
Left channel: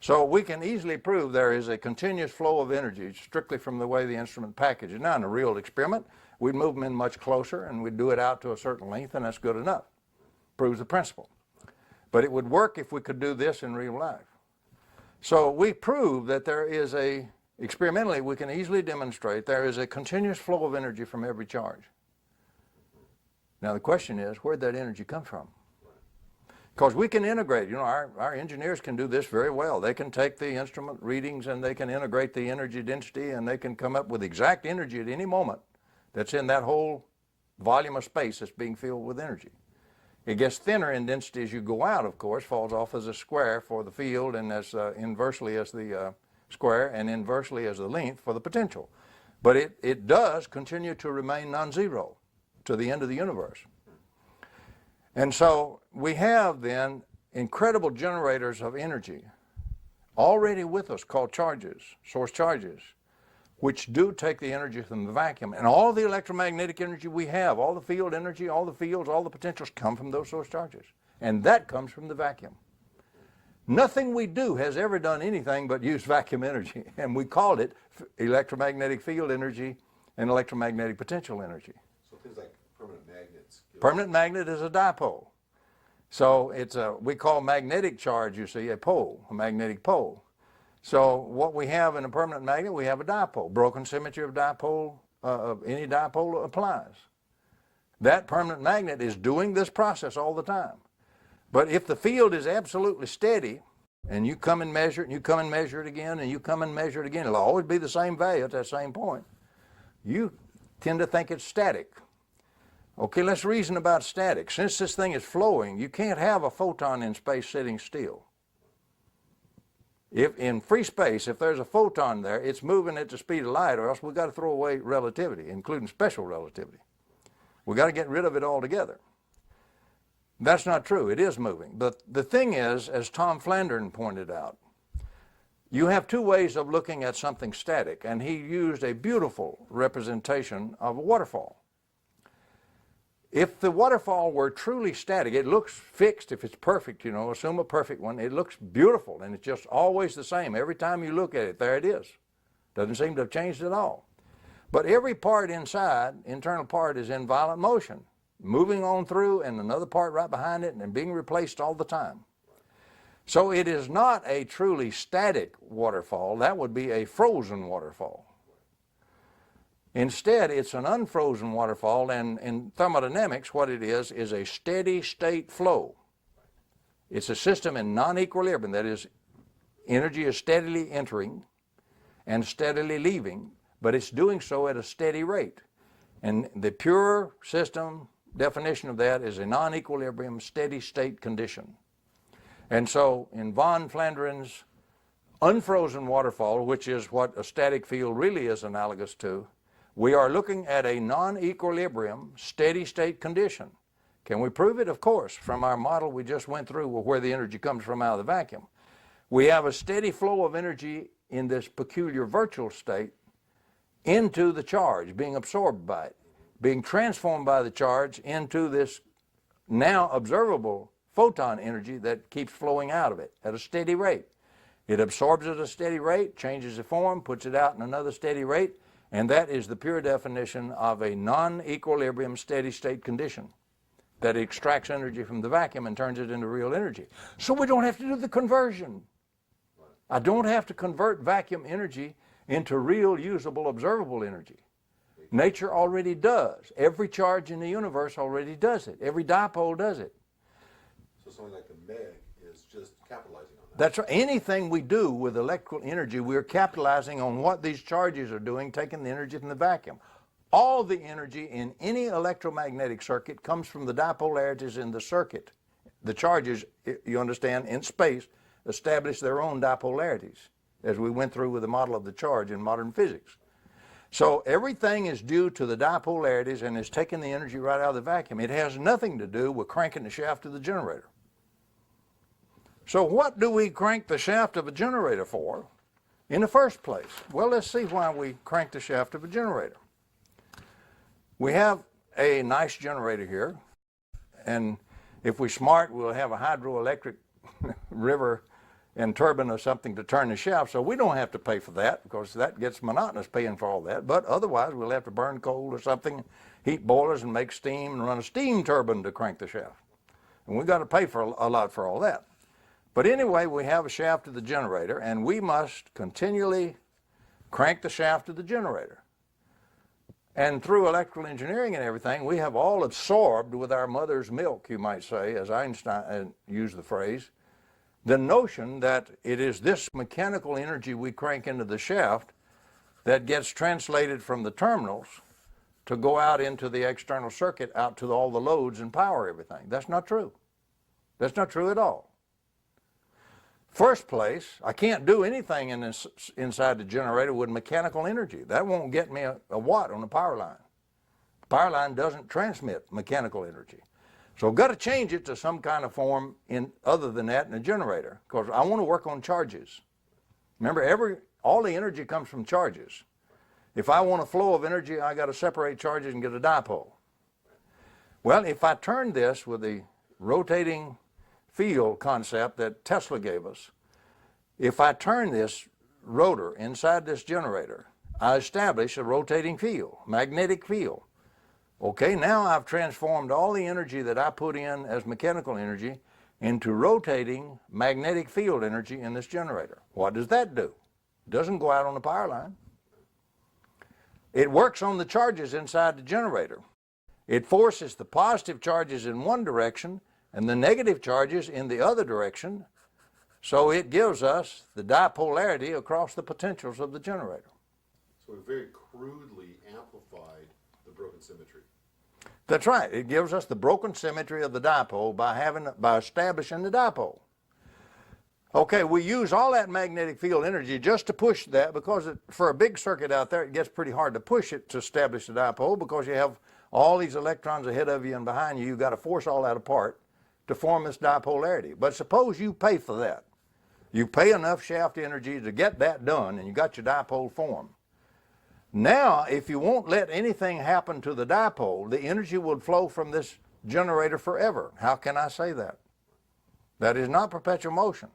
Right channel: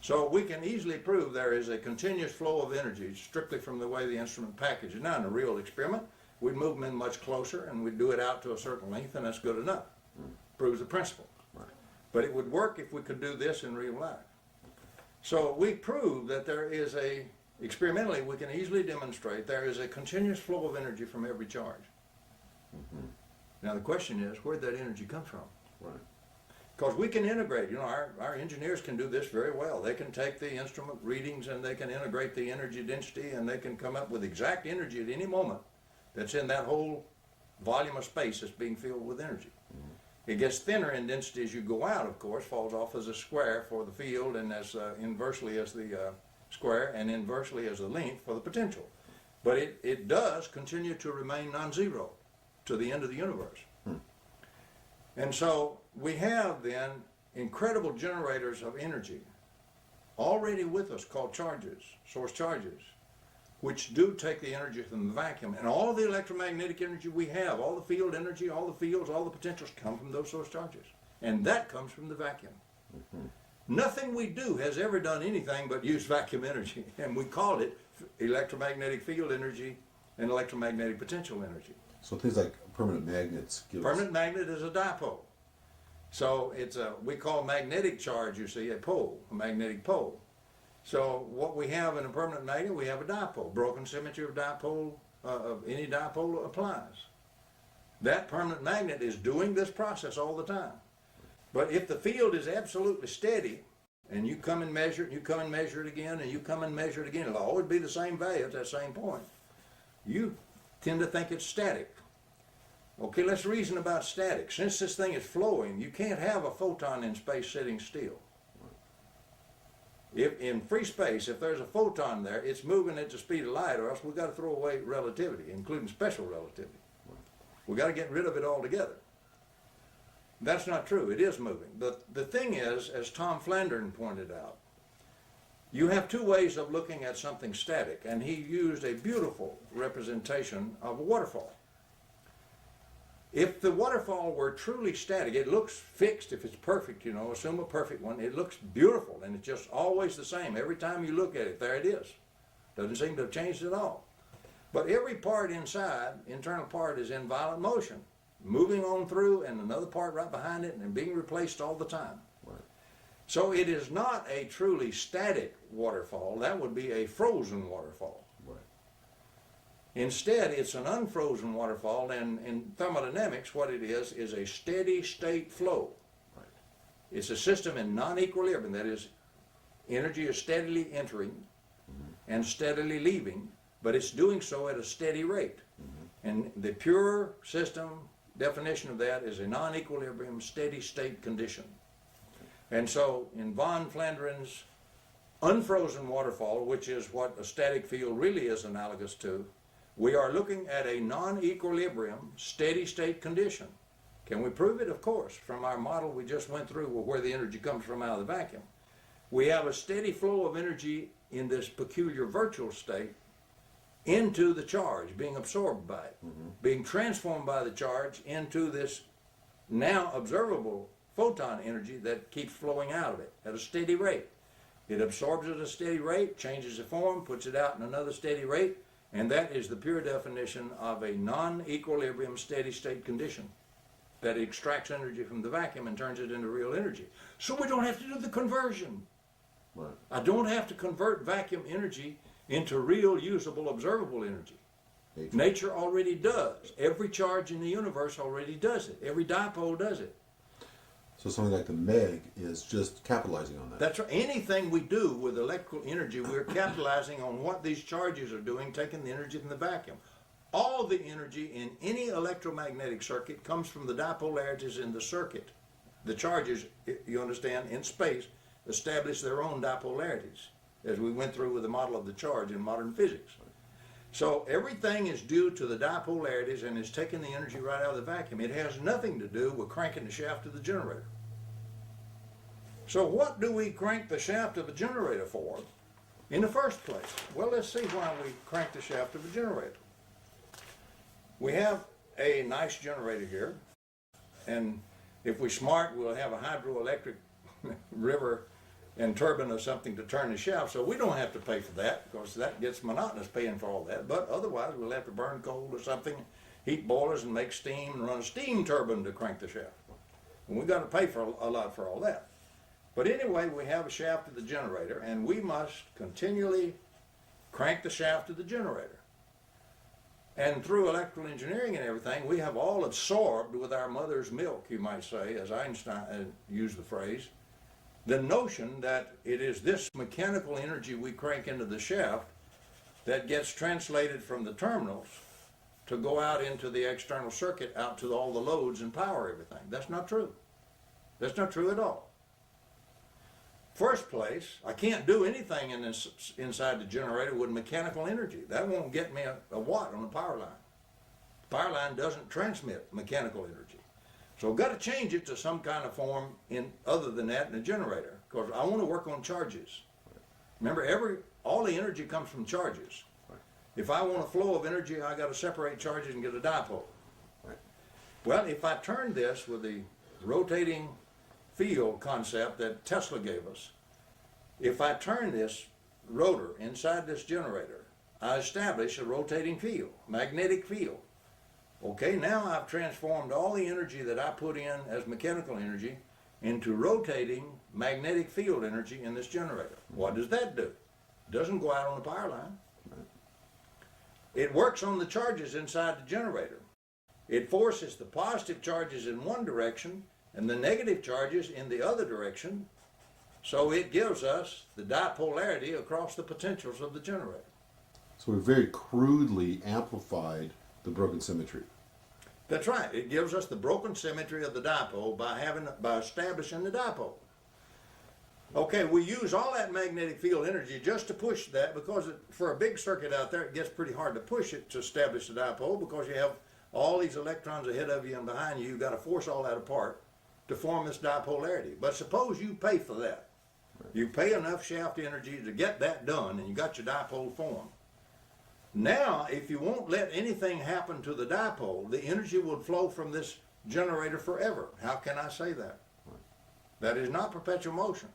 So we can easily prove there is a continuous flow of energy strictly from the way the instrument package is. Now in a real experiment, we'd move them in much closer and we'd do it out to a certain length, and that's good enough. Proves the principle. But it would work if we could do this in real life. So we prove that there is experimentally we can easily demonstrate there is a continuous flow of energy from every charge. Now the question is, where'd that energy come from? Right. Because we can integrate, you know, our engineers can do this very well. They can take the instrument readings and they can integrate the energy density and they can come up with exact energy at any moment that's in that whole volume of space that's being filled with energy. It gets thinner in density as you go out, of course, falls off as a square for the field and as inversely as the square and inversely as the length for the potential. But it does continue to remain non-zero to the end of the universe. And so we have then incredible generators of energy already with us called charges, source charges, which do take the energy from the vacuum. And all the electromagnetic energy we have, all the field energy, all the fields, all the potentials come from those source charges. And that comes from the vacuum. Nothing we do has ever done anything but use vacuum energy. And we called it electromagnetic field energy and electromagnetic potential energy. So things like permanent magnets give Permanent magnet is a dipole. So it's we call magnetic charge, you see, a pole, a magnetic pole. So what we have in a permanent magnet, we have a dipole. Broken symmetry of dipole, of any dipole applies. That permanent magnet is doing this process all the time. But if the field is absolutely steady, and you come and measure it, and you come and measure it again, and you come and measure it again, it'll always be the same value at that same point. You tend to think it's static. Okay, let's reason about static. Since this thing is flowing, you can't have a photon in space sitting still. If in free space, if there's a photon there, it's moving at the speed of light, or else we've got to throw away relativity, including special relativity. We've got to get rid of it altogether. That's not true. It is moving. But the thing is, as Tom Flandern pointed out, you have two ways of looking at something static, and he used a beautiful representation of a waterfall. If the waterfall were truly static, it looks fixed if it's perfect, you know, assume a perfect one, it looks beautiful and it's just always the same. Every time you look at it, there it is. Doesn't seem to have changed at all. But every part inside, internal part, is in violent motion, moving on through and another part right behind it and being replaced all the time. Right. So it is not a truly static waterfall. That would be a frozen waterfall. Instead, it's an unfrozen waterfall, and in thermodynamics, what it is a steady state flow. Right. It's a system in non-equilibrium, that is, energy is steadily entering and steadily leaving, but it's doing so at a steady rate. And the pure system definition of that is a non-equilibrium steady state condition. And so in von Flandren's unfrozen waterfall, which is what a static field really is analogous to, we are looking at a non-equilibrium, steady-state condition. Can we prove it? Of course, from our model we just went through where the energy comes from out of the vacuum. We have a steady flow of energy in this peculiar virtual state into the charge, being absorbed by it, being transformed by the charge into this now observable photon energy that keeps flowing out of it at a steady rate. It absorbs at a steady rate, changes the form, puts it out in another steady rate, and that is the pure definition of a non-equilibrium steady-state condition that extracts energy from the vacuum and turns it into real energy. So we don't have to do the conversion. Right. I don't have to convert vacuum energy into real, usable, observable energy. Nature already does. Every charge in the universe already does it. Every dipole does it. So something like the MEG is just capitalizing on that. That's right. Anything we do with electrical energy, we're capitalizing on what these charges are doing, taking the energy from the vacuum. All the energy in any electromagnetic circuit comes from the dipolarities in the circuit. The charges, you understand, in space establish their own dipolarities, as we went through with the model of the charge in modern physics. So everything is due to the dipolarities and is taking the energy right out of the vacuum. It has nothing to do with cranking the shaft of the generator. So what do we crank the shaft of a generator for in the first place? Well, let's see why we crank the shaft of a generator. We have a nice generator here, and if we're smart, we'll have a hydroelectric river and turbine or something to turn the shaft, so we don't have to pay for that because that gets monotonous paying for all that. But otherwise, we'll have to burn coal or something, heat boilers and make steam and run a steam turbine to crank the shaft. And we've got to pay for a lot for all that. But anyway, we have a shaft of the generator, and we must continually crank the shaft of the generator. And through electrical engineering and everything, we have all absorbed with our mother's milk, you might say, as Einstein used the phrase, the notion that it is this mechanical energy we crank into the shaft that gets translated from the terminals to go out into the external circuit, out to all the loads and power everything. That's not true. That's not true at all. First place, I can't do anything inside the generator with mechanical energy. That won't get me a watt on the power line. The power line doesn't transmit mechanical energy. So I've got to change it to some kind of form other than that in a generator, because I want to work on charges. Remember, all the energy comes from charges. If I want a flow of energy, I got to separate charges and get a dipole. Well, if I turn this with the rotating field concept that Tesla gave us, if I turn this rotor inside this generator, I establish a rotating field, magnetic field. Okay, now I've transformed all the energy that I put in as mechanical energy into rotating magnetic field energy in this generator. What does that do? It doesn't go out on the power line. It works on the charges inside the generator. It forces the positive charges in one direction and the negative charges in the other direction, so it gives us the dipolarity across the potentials of the generator. So we very crudely amplified the broken symmetry. That's right. It gives us the broken symmetry of the dipole by establishing the dipole. Okay, we use all that magnetic field energy just to push that, because for a big circuit out there, it gets pretty hard to push it to establish the dipole, because you have all these electrons ahead of you and behind you. You've got to force all that apart to form this dipolarity. But suppose you pay for that. You pay enough shaft energy to get that done, and you got your dipole formed. Now, if you won't let anything happen to the dipole, the energy will flow from this generator forever. How can I say that? That is not perpetual motion.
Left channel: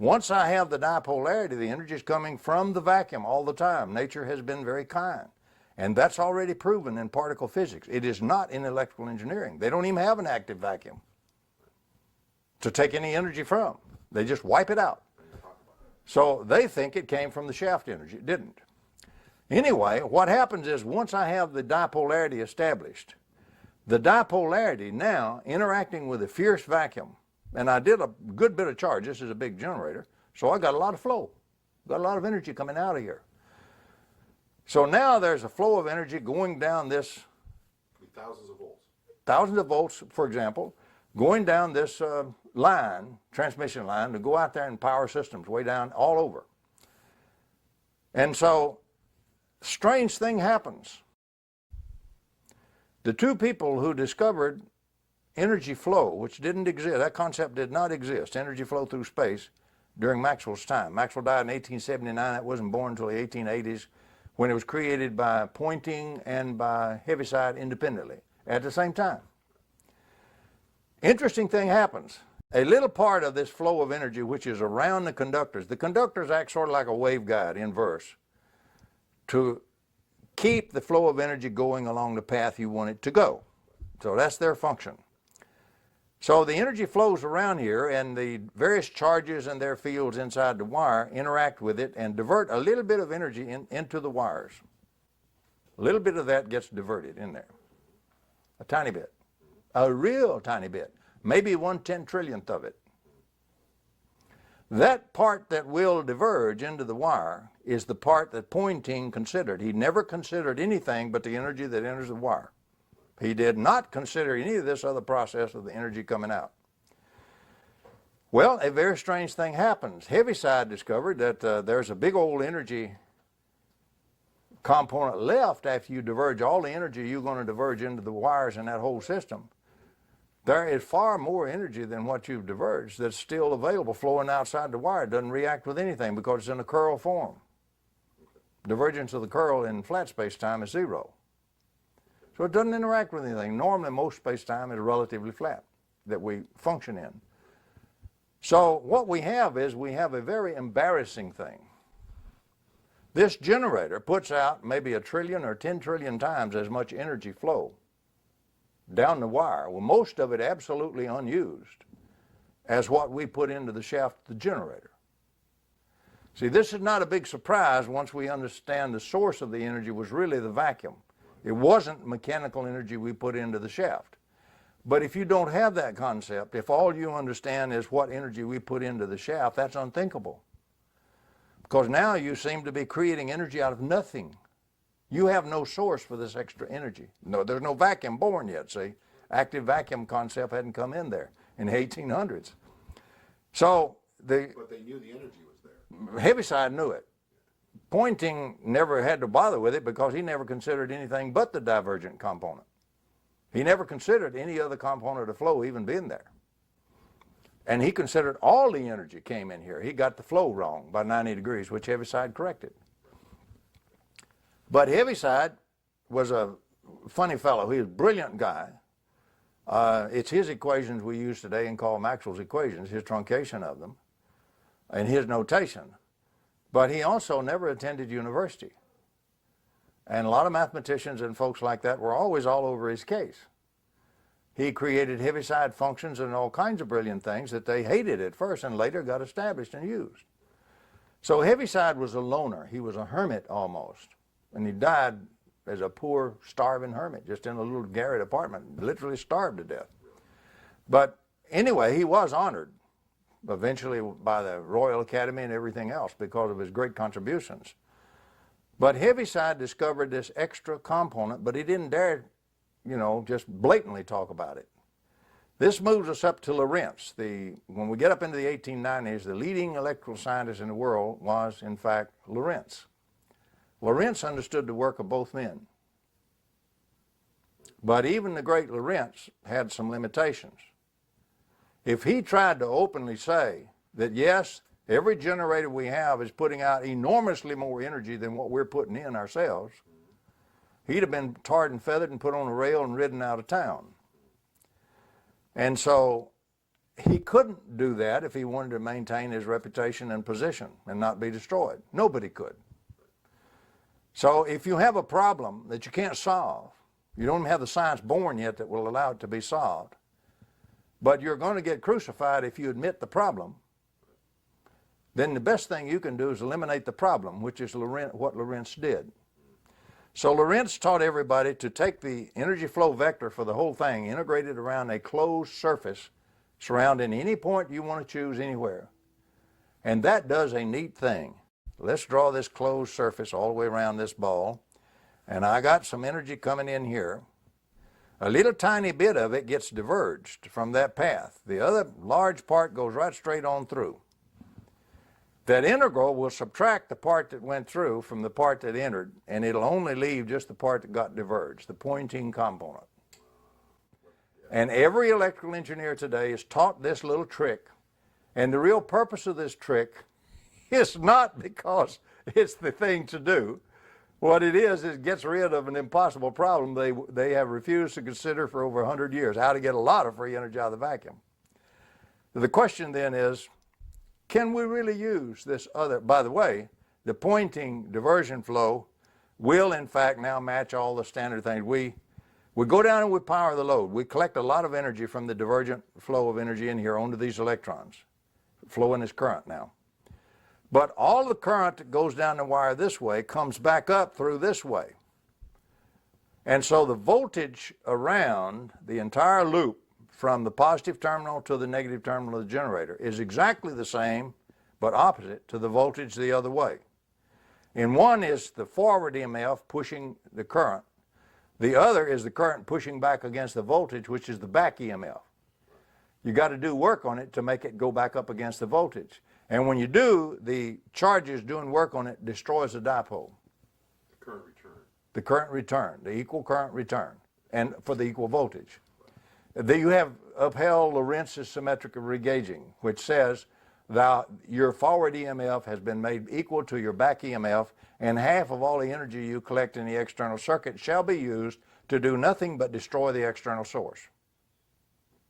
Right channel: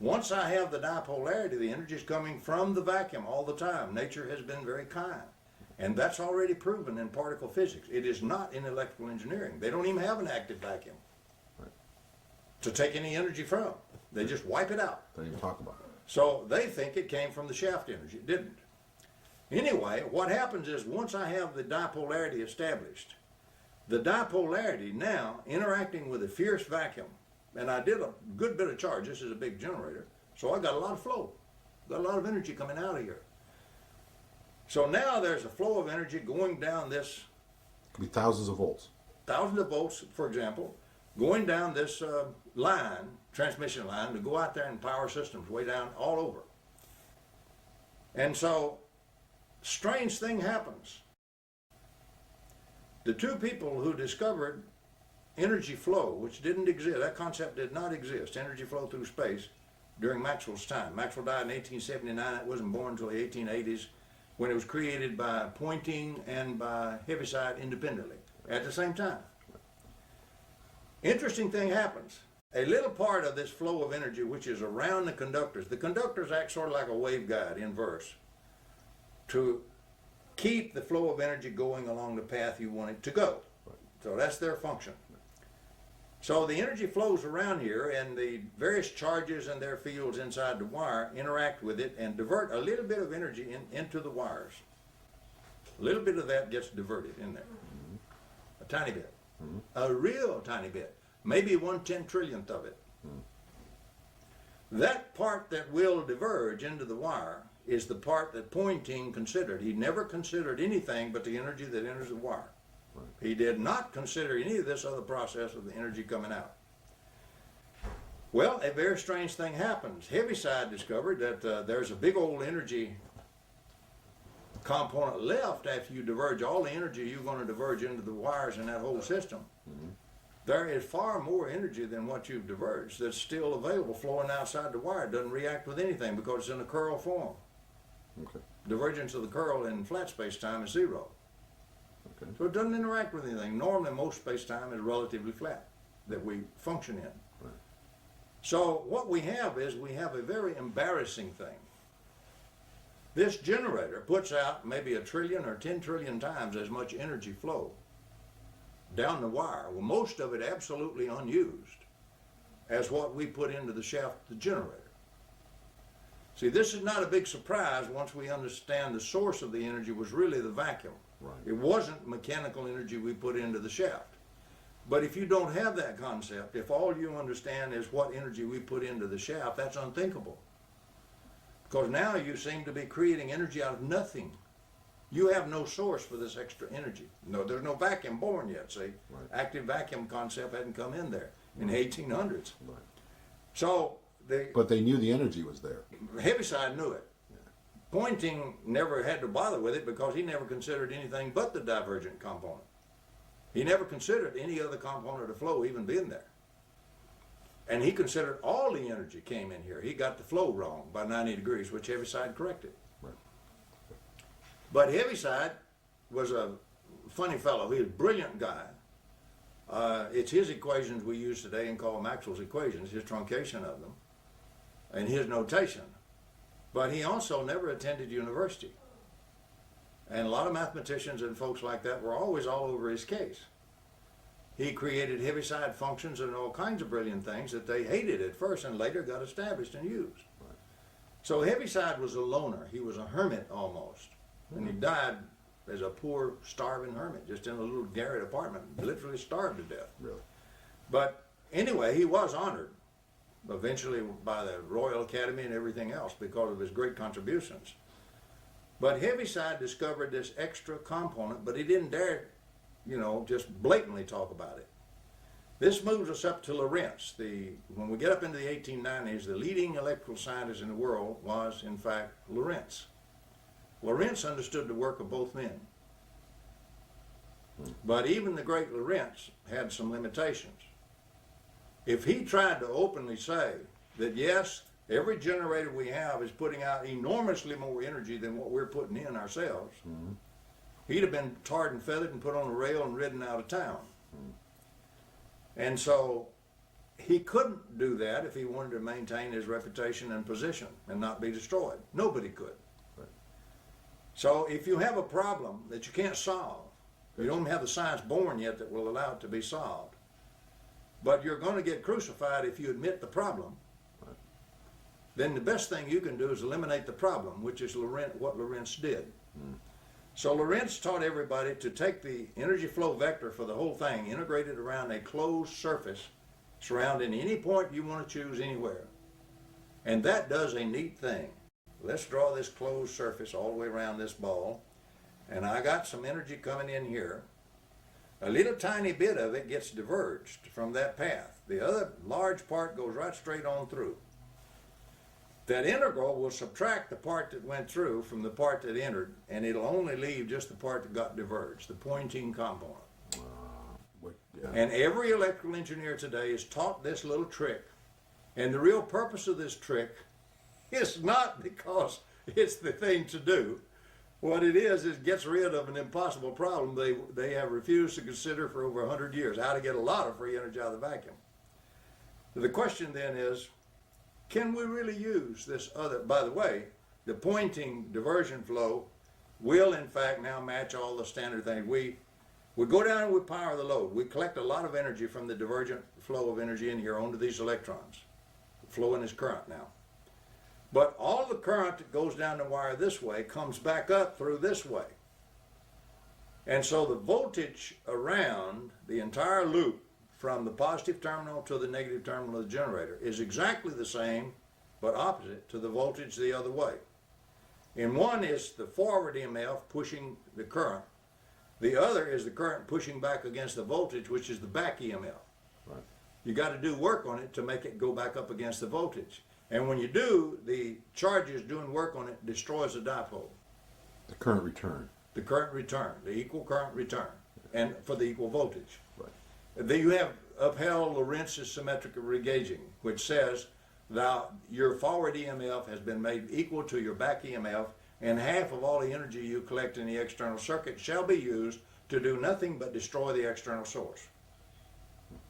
Once I have the dipolarity, the energy is coming from the vacuum all the time. Nature has been very kind. And that's already proven in particle physics. It is not in electrical engineering. They don't even have an active vacuum to take any energy from. They just wipe it out. Don't even talk about it. So they think it came from the shaft energy. It didn't. Anyway, what happens is, once I have the dipolarity established, the dipolarity now interacting with a fierce vacuum, and I did a good bit of charge. This is a big generator, so I got a lot of flow. Got a lot of energy coming out of here. So now there's a flow of energy going down this, Could be thousands of volts. thousands of volts, for example, going down this line, transmission line, to go out there in power systems way down all over. And so, strange thing happens. The two people who discovered energy flow, which didn't exist, that concept did not exist, energy flow through space, during Maxwell's time. Maxwell died in 1879. It wasn't born until the 1880s, when it was created by Poynting and by Heaviside independently at the same time. Interesting thing happens. A little part of this flow of energy, which is around the conductors act sort of like a waveguide, inverse, to keep the flow of energy going along the path you want it to go. So that's their function. So the energy flows around here, and the various charges and their fields inside the wire interact with it and divert a little bit of energy into the wires. A little bit of that gets diverted in there. A tiny bit. A real tiny bit. Maybe 1/10 trillionth of it. That part that will diverge into the wire is the part that Poynting considered. He never considered anything but the energy that enters the wire. He did not consider any of this other process of the energy coming out. Well, a very strange thing happens. Heaviside discovered that there's a big old energy component left after you diverge all the energy you're going to diverge into the wires in that whole system. There is far more energy than what you've diverged that's still available flowing outside the wire. It doesn't react with anything because it's in a curl form. Okay. Divergence of the curl in flat space-time is zero. Okay. So it doesn't interact with anything. Normally most space-time is relatively flat that we function in. Right. So what we have is we have a very embarrassing thing. This generator puts out maybe 1 trillion or 10 trillion times as much energy flow down the wire, well, most of it absolutely unused, as what we put into the shaft of the generator. See, this is not a big surprise once we understand the source of the energy was really the vacuum. Right. It wasn't mechanical energy we put into the shaft. But if you don't have that concept, if all you understand is what energy we put into the shaft, that's unthinkable. Because now you seem to be creating energy out of nothing. You have no source for this extra energy. No, there's no vacuum born yet, see? Right. Active vacuum concept hadn't come in there in the 1800s. Right. So but they knew the energy was there. Heaviside knew it. Pointing never had to bother with it because he never considered anything but the divergent component. He never considered any other component of flow even being there. And he considered all the energy came in here. He got the flow wrong by 90 degrees, which Heaviside corrected. Right. But Heaviside was a funny fellow. He was a brilliant guy. It's his equations we use today and call Maxwell's equations, his truncation of them, and his notation. But he also never attended university. And a lot of mathematicians and folks like that were always all over his case. He created Heaviside functions and all kinds of brilliant things that they hated at first and later got established and used. So Heaviside was a loner. He was a hermit almost. And he died as a poor, starving hermit, just in a little garret apartment, literally starved to death. Really? But anyway, he was honored eventually by the Royal Academy and everything else because of his great contributions. But Heaviside discovered this extra component, but he didn't dare, just blatantly talk about it. This moves us up to Lorentz. When we get up into the 1890s, the leading electrical scientist in the world was, in fact, Lorentz. Lorentz understood the work of both men. But even the great Lorentz had some limitations. If he tried to openly say that, yes, every generator we have is putting out enormously more energy than what we're putting in ourselves, he'd have been tarred and feathered and put on a rail and ridden out of town. And so he couldn't do that if he wanted to maintain his reputation and position and not be destroyed. Nobody could. So if you have a problem that you can't solve, you don't have the science born yet that will allow it to be solved, but you're going to get crucified if you admit the problem, then the best thing you can do is eliminate the problem, which is what Lorentz did. So Lorentz taught everybody to take the energy flow vector for the whole thing, integrate it around a closed surface surrounding any point you want to choose anywhere. And that does a neat thing. Let's draw this closed surface all the way around this ball, and I got some energy coming in here. A little tiny bit of it gets diverged from that path. The other large part goes right straight on through. That integral will subtract the part that went through from the part that entered, and it'll only leave just the part that got diverged, the pointing component. And every electrical engineer today is taught this little trick, and the real purpose of this trick is not because it's the thing to do. What it is it gets rid of an impossible problem they have refused to consider for over 100 years, how to get a lot of free energy out of the vacuum. The question then is, can we really use this other? By the way, the pointing diversion flow will in fact now match all the standard things. We go down and we power the load. We collect a lot of energy from the divergent flow of energy in here onto these electrons, flowing as current now. But all the current that goes down the wire this way comes back up through this way. And so the voltage around the entire loop from the positive terminal to the negative terminal of the generator is exactly the same but opposite to the voltage the other way. In one is the forward EMF pushing the current. The other is the current pushing back against the voltage, which is the back EMF. Right. You got to do work on it to make it go back up against the voltage. And when you do, the charges doing work on it destroys the dipole. The current return. The current return, the equal current return, and for the equal voltage. Right. You have upheld Lorentz's symmetric regauging, which says that your forward EMF has been made equal to your back EMF, and half of all the energy you collect in the external circuit shall be used to do nothing but destroy the external source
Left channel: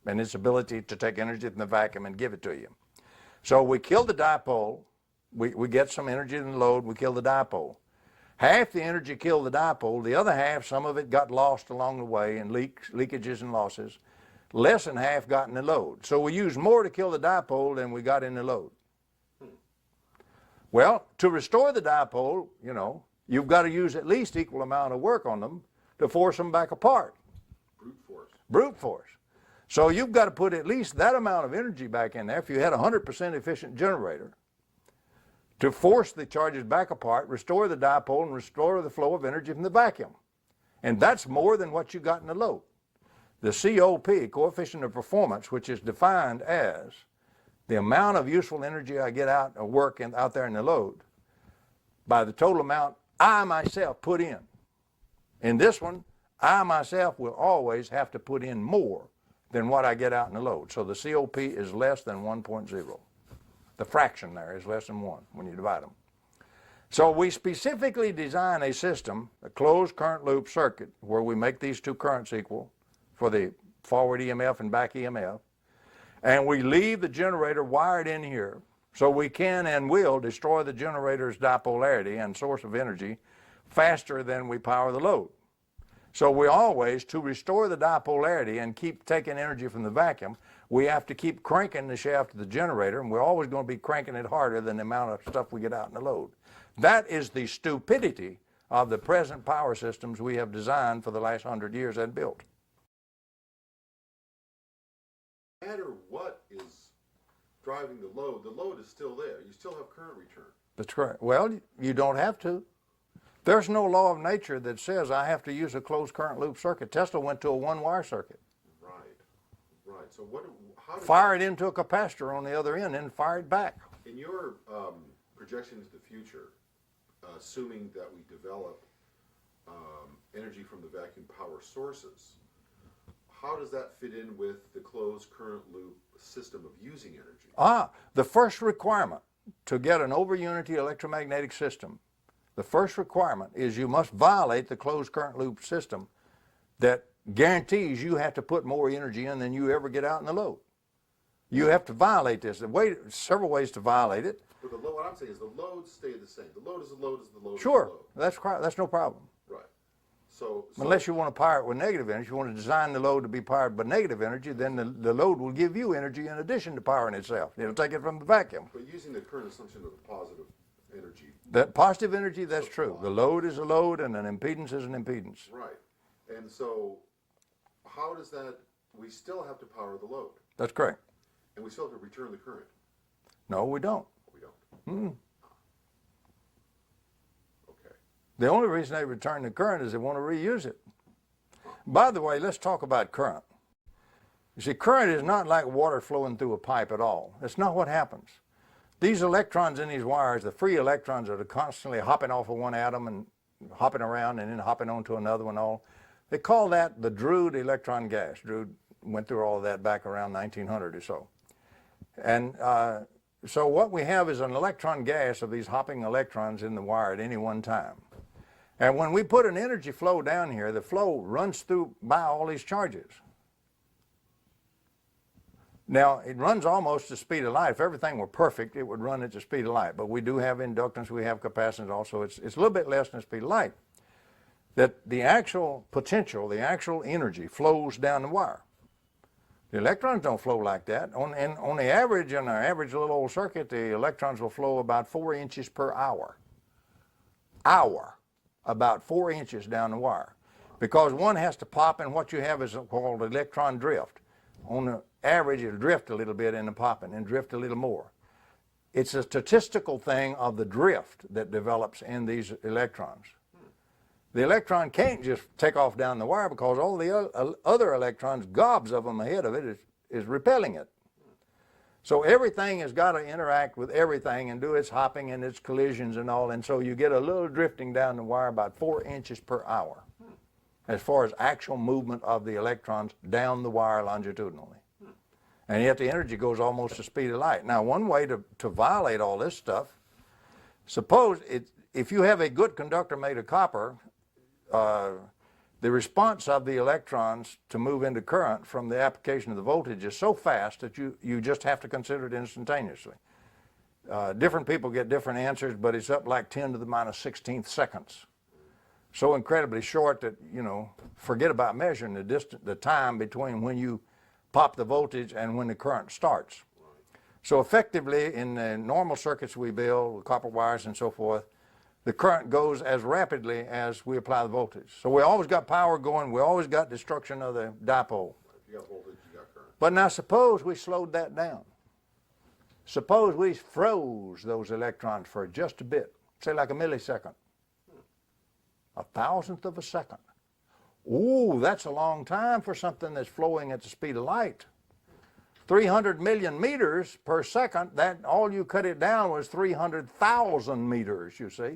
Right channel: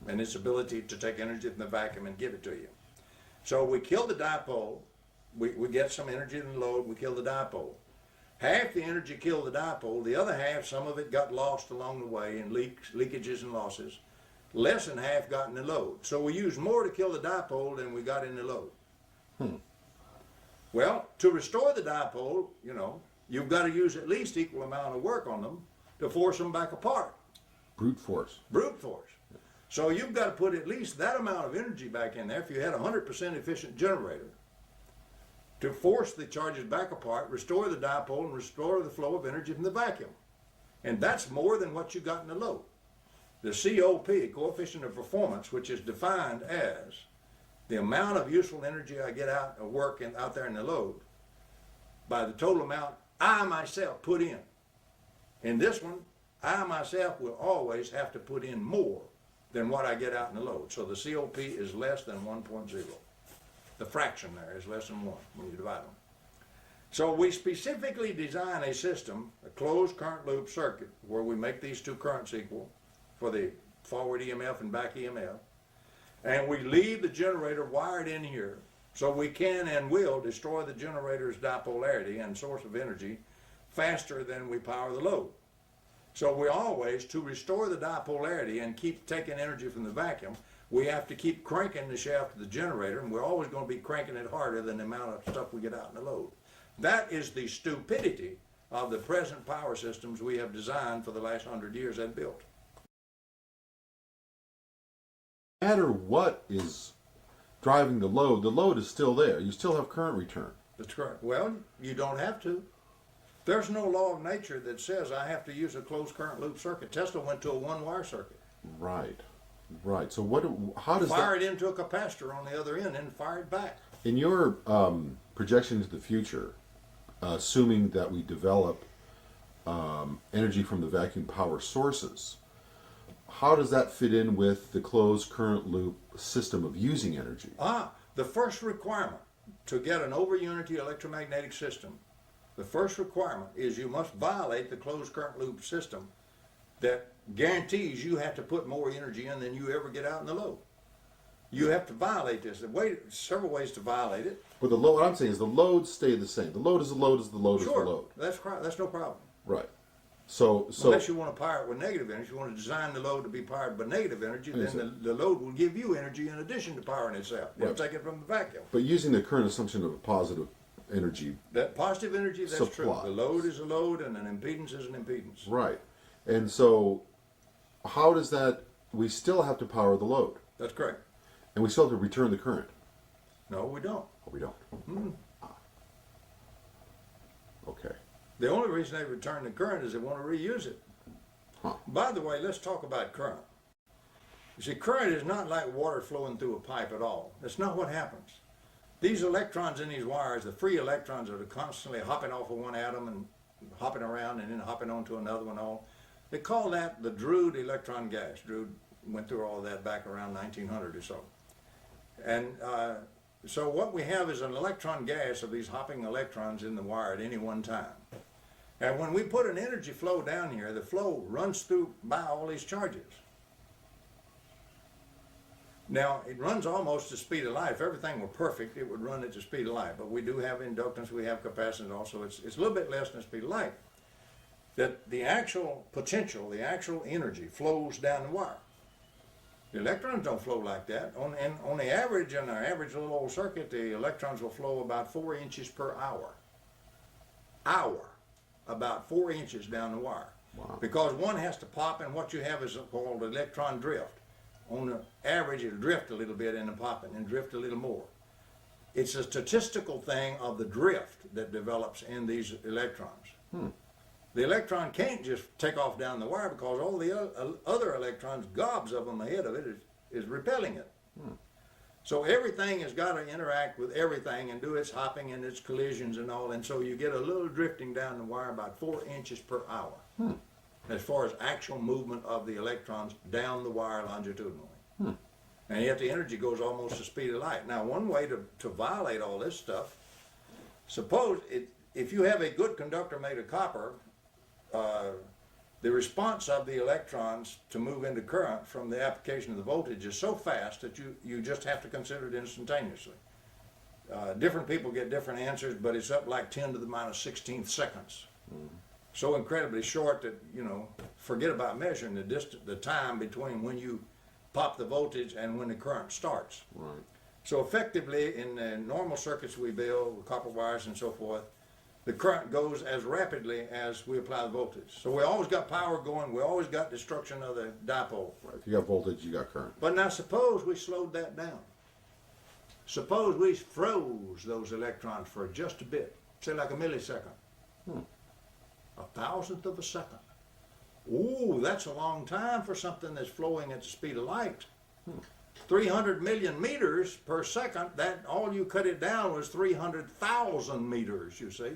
and its ability to take energy from the vacuum and give it to you. So we kill the dipole, we get some energy in the load, we kill the dipole. Half the energy killed the dipole, the other half, some of it got lost along the way in leakages and losses. Less than half got in the load. So we used more to kill the dipole than we got in the load. Well, to restore the dipole, you know, you've got to use at least equal amount of work on them to force them back apart. Brute force. Brute force. So you've got to put at least that amount of energy back in there. If you had a 100% efficient generator, to force the charges back apart, restore the dipole, and restore the flow of energy from the vacuum. And that's more than what you got in the load. The COP, coefficient of performance, which is defined as the amount of useful energy I get out of work out there in the load by the total amount I myself put in. In this one, I myself will always have to put in more than what I get out in the load. So the COP is less than 1.0. The fraction there is less than 1 when you divide them. So we specifically design a system, a closed current loop circuit, where we make these two currents equal for the forward EMF and back EMF, and we leave the generator wired in here so we can and will destroy the generator's dipolarity and source of energy faster than we power the load. So we always, to restore the dipolarity and keep taking energy from the vacuum, we have to keep cranking the shaft of the generator, and we're always going to be cranking it harder than the amount of stuff we get out in the load. That is the stupidity of the present power systems we have designed for the last 100 years and built. No matter what is driving the load is still there. You still have current return. That's correct. Well, you don't have to. There's no law of nature that says I have to use a closed current loop circuit. Tesla went to a one-wire circuit. Right. Right. So how does fire it into a capacitor on the other end and fire it back. In your projection into the future, assuming that we develop energy from the vacuum power sources, how does that fit in with the closed current loop system of using energy? The first requirement to get an over-unity electromagnetic system, the first requirement is you must violate the closed current loop system that guarantees you have to put more energy in than you ever get out in the load. You have to violate this. Several ways to violate it. But the load, what I'm saying is the loads stay the same. The load is the load is the load Sure, is the load. that's no problem. Right. So unless you want to power it with negative energy, you want to design the load to be powered by negative energy, then the load will give you energy in addition to powering itself. It'll take it from the vacuum. But using the current assumption of positive energy. That positive energy, that's supply. true. The load is a load and an impedance is an impedance. Right. And so how does that, we still have to power the load. That's correct. And we still have to return the current. No, we don't. Oh, we don't. Mm-hmm. Okay. The only reason they return the current is they want to reuse it. Huh. By the way, let's talk about current. You see, current is not like water flowing through a pipe at all. That's not what happens. These electrons in these wires, the free electrons that are constantly hopping off of one atom and hopping around and then hopping onto another one all, they call that the Drude electron gas. Drude went through all of that back around 1900 or so. And so what we have is an electron gas of these hopping electrons in the wire at any one time. And when we put an energy flow down here, the flow runs through by all these charges. Now, it runs almost the speed of light. If everything were perfect, it would run at the speed of light. But we do have inductance, we have capacitance also. It's a little bit less than the speed of light. That the actual potential, the actual energy flows down the wire. The electrons don't flow like that. On the average, in our average little old circuit, the electrons will flow about 4 inches per hour. About 4 inches down the wire. Wow. Because one has to pop, and what you have is called electron drift. On the average, it'll drift a little bit in the popping and drift a little more. It's a statistical thing of the drift that develops in these electrons. The electron can't just take off down the wire because all the other electrons, gobs of them ahead of it, is repelling it. So everything has got to interact with everything and do its hopping and its collisions and all, and so you get a little drifting down the wire about 4 inches per hour as far as actual movement of the electrons down the wire longitudinally. And yet the energy goes almost the speed of light. Now, one way to violate all this stuff, suppose if you have a good conductor made of copper, the response of the electrons to move into current from the application of the voltage is so fast that you just have to consider it instantaneously. Different people get different answers, but it's up like 10 to the minus 16th seconds. So incredibly short that, forget about measuring the time between when you pop the voltage and when the current starts. Right. So effectively, in the normal circuits we build, with copper wires and so forth, the current goes as rapidly as we apply the voltage. So we always got power going, we always got destruction of the dipole. Right. If you got voltage, you got current. But now suppose we slowed that down. Suppose we froze those electrons for just a bit, say like a millisecond, a thousandth of a second. Ooh, that's a long time for something that's flowing at the speed of light. 300 million meters per second, that all you cut it down was 300,000 meters, you see,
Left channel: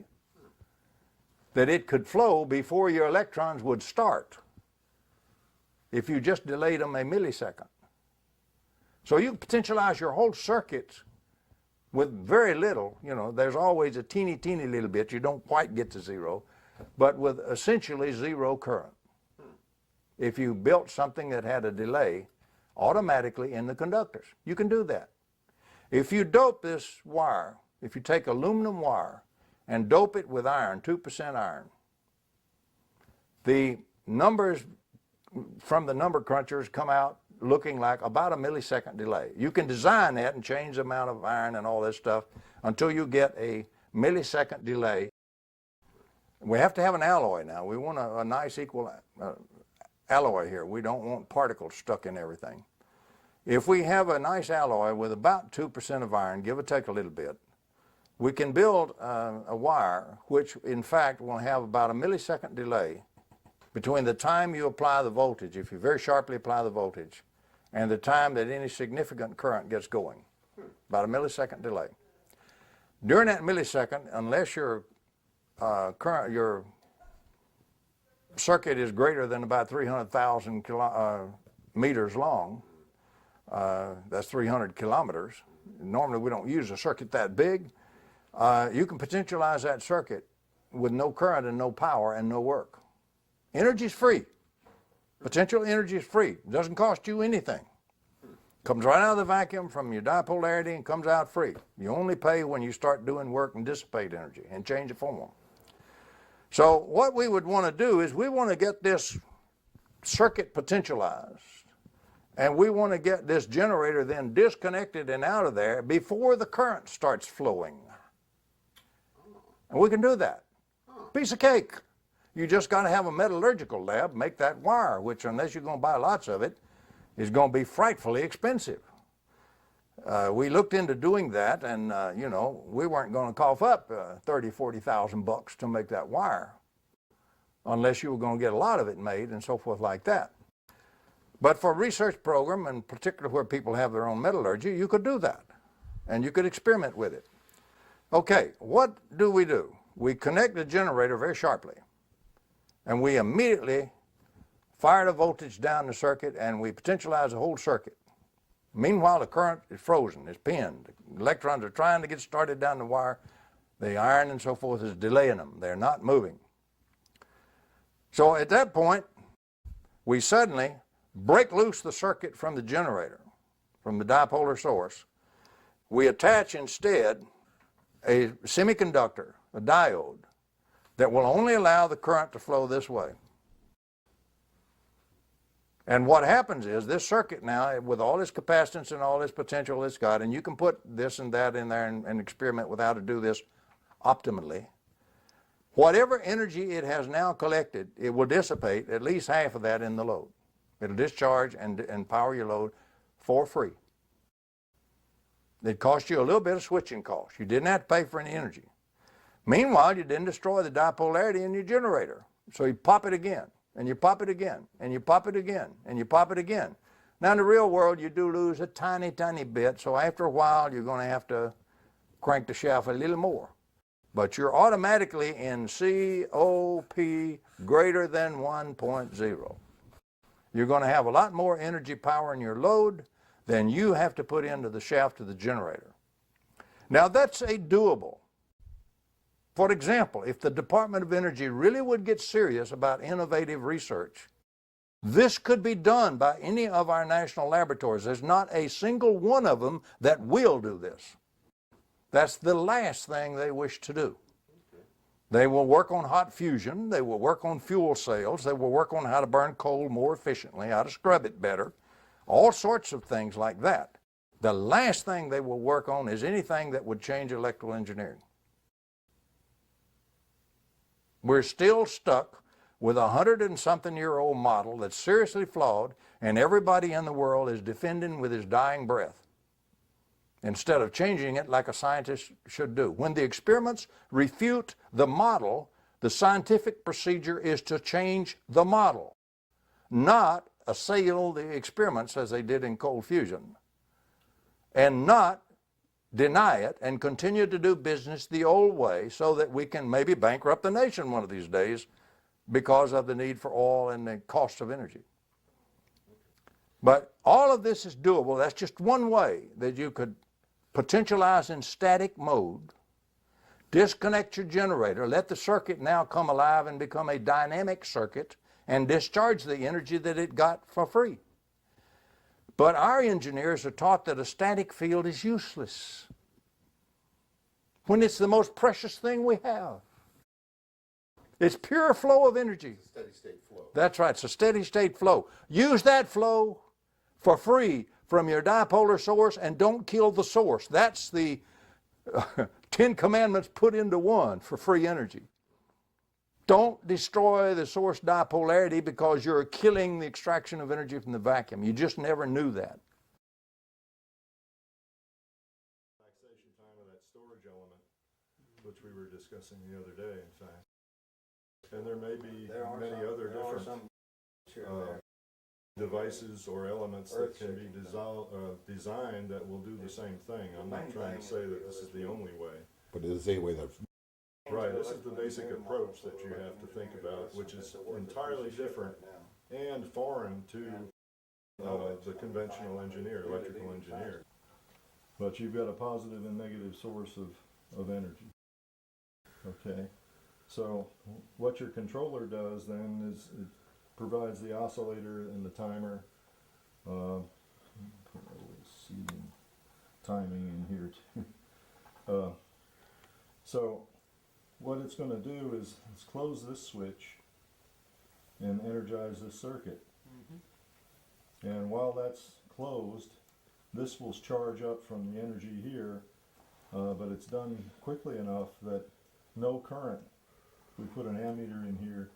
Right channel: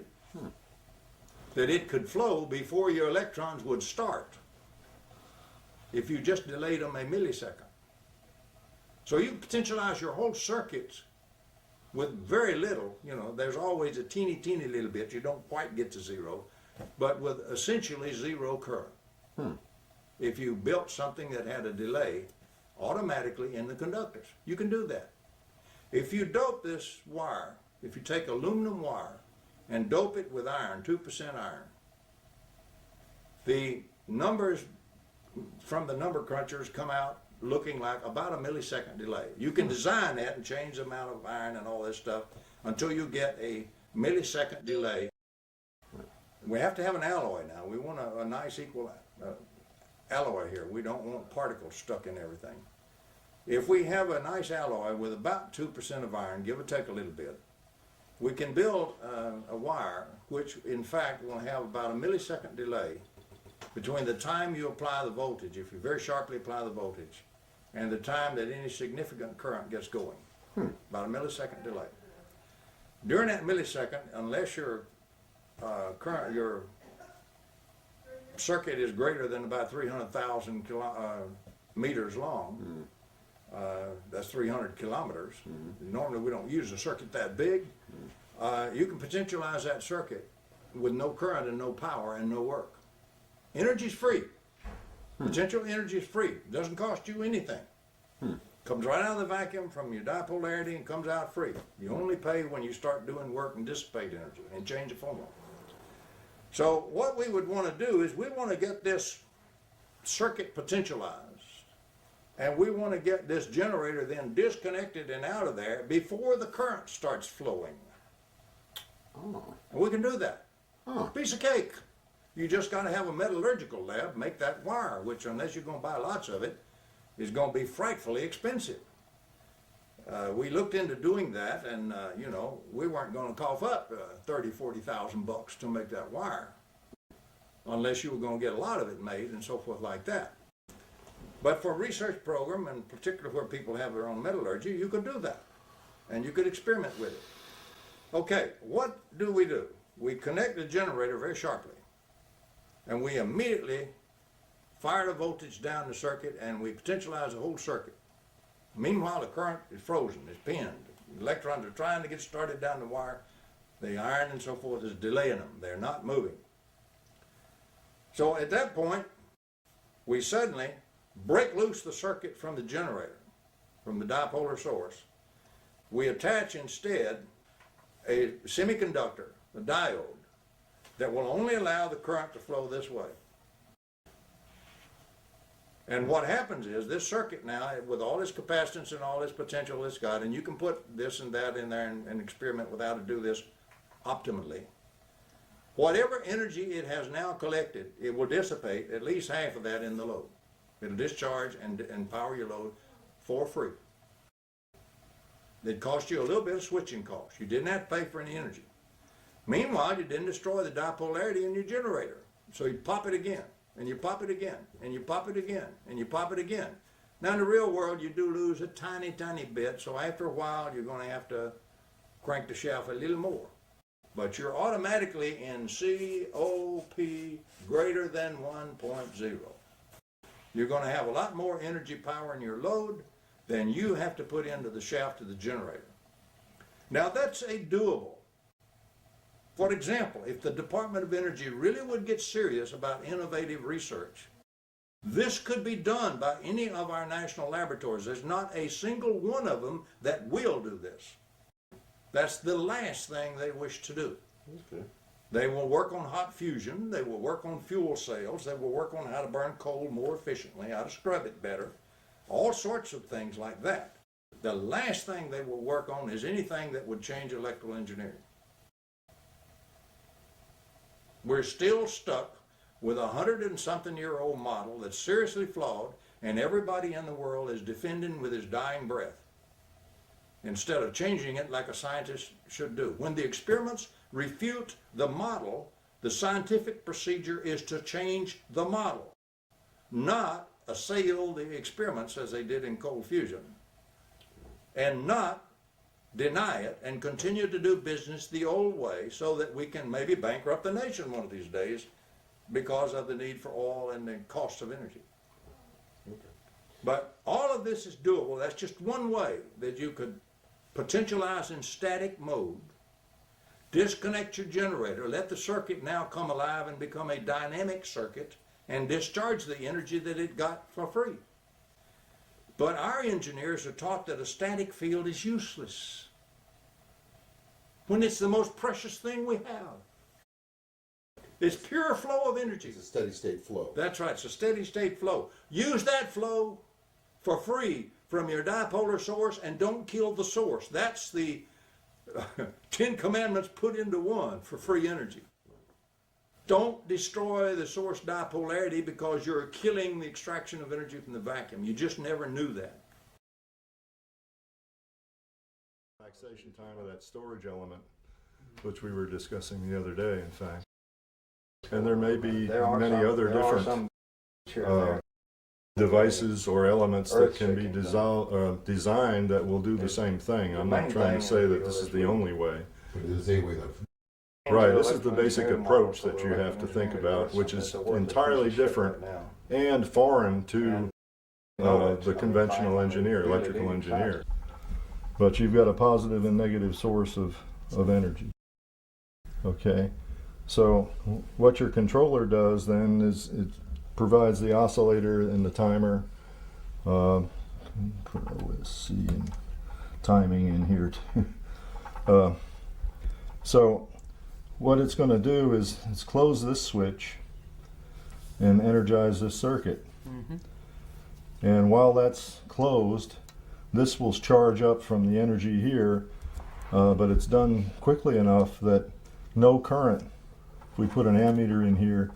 that it could flow before your electrons would start if you just delayed them a millisecond. So you potentialize your whole circuits with very little, you know, there's always a teeny little bit, you don't quite get to zero, but with essentially zero current. If you built something that had a delay automatically in the conductors, you can do that. If you dope this wire, if you take aluminum wire and dope it with iron, 2% iron, the numbers from the number crunchers come out looking like about a millisecond delay. You can design that and change the amount of iron and all this stuff until you get a millisecond delay. We have to have an alloy now. We want a nice equal alloy here. We don't want particles stuck in everything. If we have a nice alloy with about 2% of iron, give or take a little bit, we can build a wire which in fact will have about a millisecond delay between the time you apply the voltage, if you very sharply apply the voltage, and the time that any significant current gets going. About a millisecond delay. During that millisecond, unless your your circuit is greater than about 300,000 meters long, that's 300 kilometers. Normally we don't use a circuit that big. You can potentialize that circuit with no current and no power and no work. Energy is free. Potential energy is free. It doesn't cost you anything. Comes right out of the vacuum from your dipolarity and comes out free. You only pay when you start doing work and dissipate energy and change the formula. So what we would want to do is we want to get this circuit potentialized, and we want to get this generator then disconnected and out of there before the current starts flowing. And we can do that. Piece of cake. You just got to have a metallurgical lab make that wire, which unless you're going to buy lots of it, is going to be frightfully expensive. We looked into doing that, and you know, we weren't going to cough up $30,000-$40,000 to make that wire, unless you were going to get a lot of it made and so forth like that. But for a research program, and particularly where people have their own metallurgy, you could do that, and you could experiment with it. Okay, what do? We connect the generator very sharply, and we immediately fire the voltage down the circuit, and we potentialize the whole circuit. Meanwhile, the current is frozen, it's pinned. The electrons are trying to get started down the wire. The iron and so forth is delaying them. They're not moving. So at that point, we suddenly break loose the circuit from the generator, from the dipolar source. We attach instead a semiconductor, a diode, that will only allow the current to flow this way. And what happens is this circuit now, with all this capacitance and all this potential it's got, and you can put this and that in there and experiment with how to do this optimally, whatever energy it has now collected, it will dissipate at least half of that in the load. It'll discharge and power your load for free. It cost you a little bit of switching cost. You didn't have to pay for any energy. Meanwhile, you didn't destroy the dipolarity in your generator. So you pop it again, and you pop it again, and you pop it again, and you pop it again. Now in the real world, you do lose a tiny bit, so after a while, you're going to have to crank the shaft a little more. But you're automatically in COP greater than 1.0. You're going to have a lot more energy power in your load than you have to put into the shaft of the generator. Now that's a doable. For example, if the Department of Energy really would get serious about innovative research, this could be done by any of our national laboratories. There's not a single one of them that will do this. That's the last thing they wish to do. Okay. They will work on hot fusion, they will work on fuel cells, they will work on how to burn coal more efficiently, how to scrub it better, all sorts of things like that. the last thing they will work on is anything that would change electrical engineering. We're still stuck with a 100-and-something-year-old model that's seriously flawed, and everybody in the world is defending with his dying breath, instead of changing it like a scientist should do. When the experiments refute the model, the scientific procedure is to change the model, not assail the experiments as they did in cold fusion, and not deny it and continue to do business the old way so that we can maybe bankrupt the nation one of these days because of the need for oil and the cost of energy. But all of this is doable. That's just one way that you could potentialize in static mode, disconnect your generator, let the circuit now come alive and become a dynamic circuit, and discharge the energy that it got for free. But our engineers are taught that a static field is useless when it's the most precious thing we have. It's pure flow of energy. It's a steady state flow. That's right, it's a steady state flow. Use that flow for free from your dipolar source and don't kill the source. That's the 10 Commandments put into one for free energy. Don't destroy the source dipolarity because you're killing the extraction of energy from the vacuum. You just never knew that. Relaxation time of that storage element, which we were discussing the other day, in fact. And there may be many other different devices or elements that can be designed that will do the same thing. I'm not trying to say that this is the only way. But it is a way that. Right, this is the basic approach that you have to think about, which is entirely different and foreign to the conventional engineer, electrical engineer. But you've got a positive and negative source of energy. Okay, so what your controller does then is it provides the oscillator and the timer. Put OSC and timing in here too. So what it's going to do is it's close this switch and energize this circuit. Mm-hmm. And while that's closed, this will charge up from the energy here, but it's done quickly enough that no current. If we put an ammeter in here,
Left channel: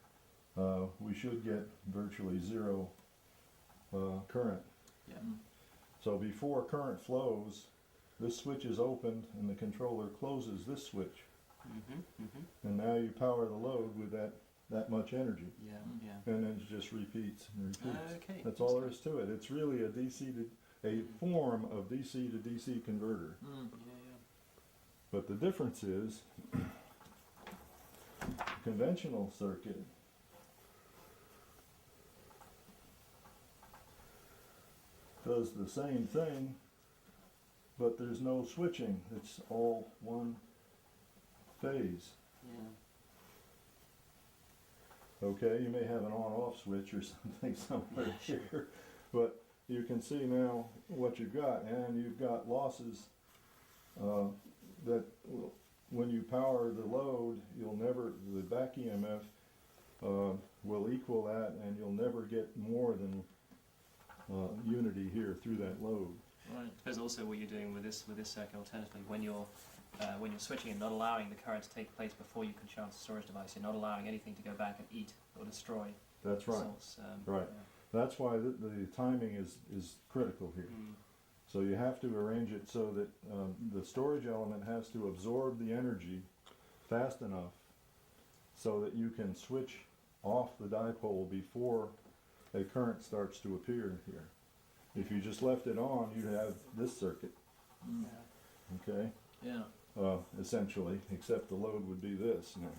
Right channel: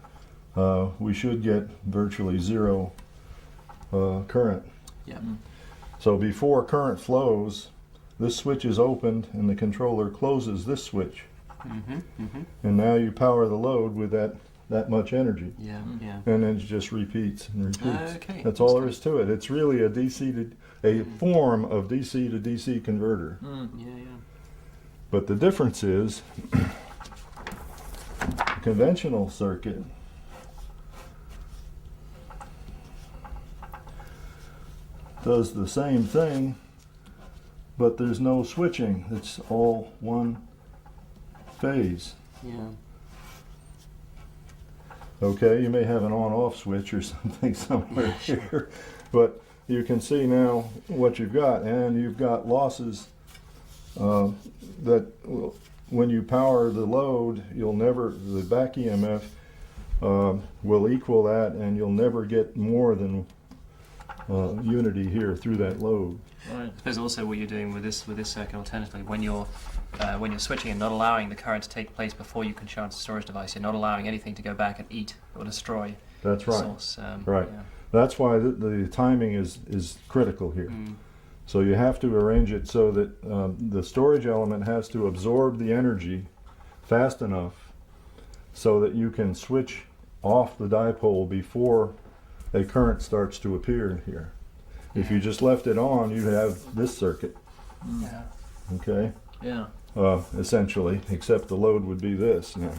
we should get virtually zero current. Yeah. So before current flows, this switch is opened and the controller closes this switch. Mm-hmm, mm-hmm. And now you power the load with that much energy. Yeah, yeah. And then it just repeats and repeats. Okay. That's all there is to it. It's really a form of DC to DC converter. Yeah, yeah. But the difference is, a conventional circuit does the same thing, but there's no switching. It's all one phase. Yeah. Okay, you may have an on-off switch or something somewhere here, but you can see now what you've got, and you've got losses that when you power the load, the back EMF will equal that, and you'll never get more than unity here through that load. Right. I suppose also what you're doing with this circuit alternatively, when you're switching and not allowing the current to take place before you can charge the storage device, you're not allowing anything to go back and eat or destroy That's the right. source. Right. Yeah. That's why the timing is critical here. So you have to arrange it so that the storage element has to absorb the energy fast enough so that you can switch off the dipole before a current starts to appear here. If you just left it on, you'd have this circuit. Yeah. Okay? Yeah. Essentially, except the load would be this now.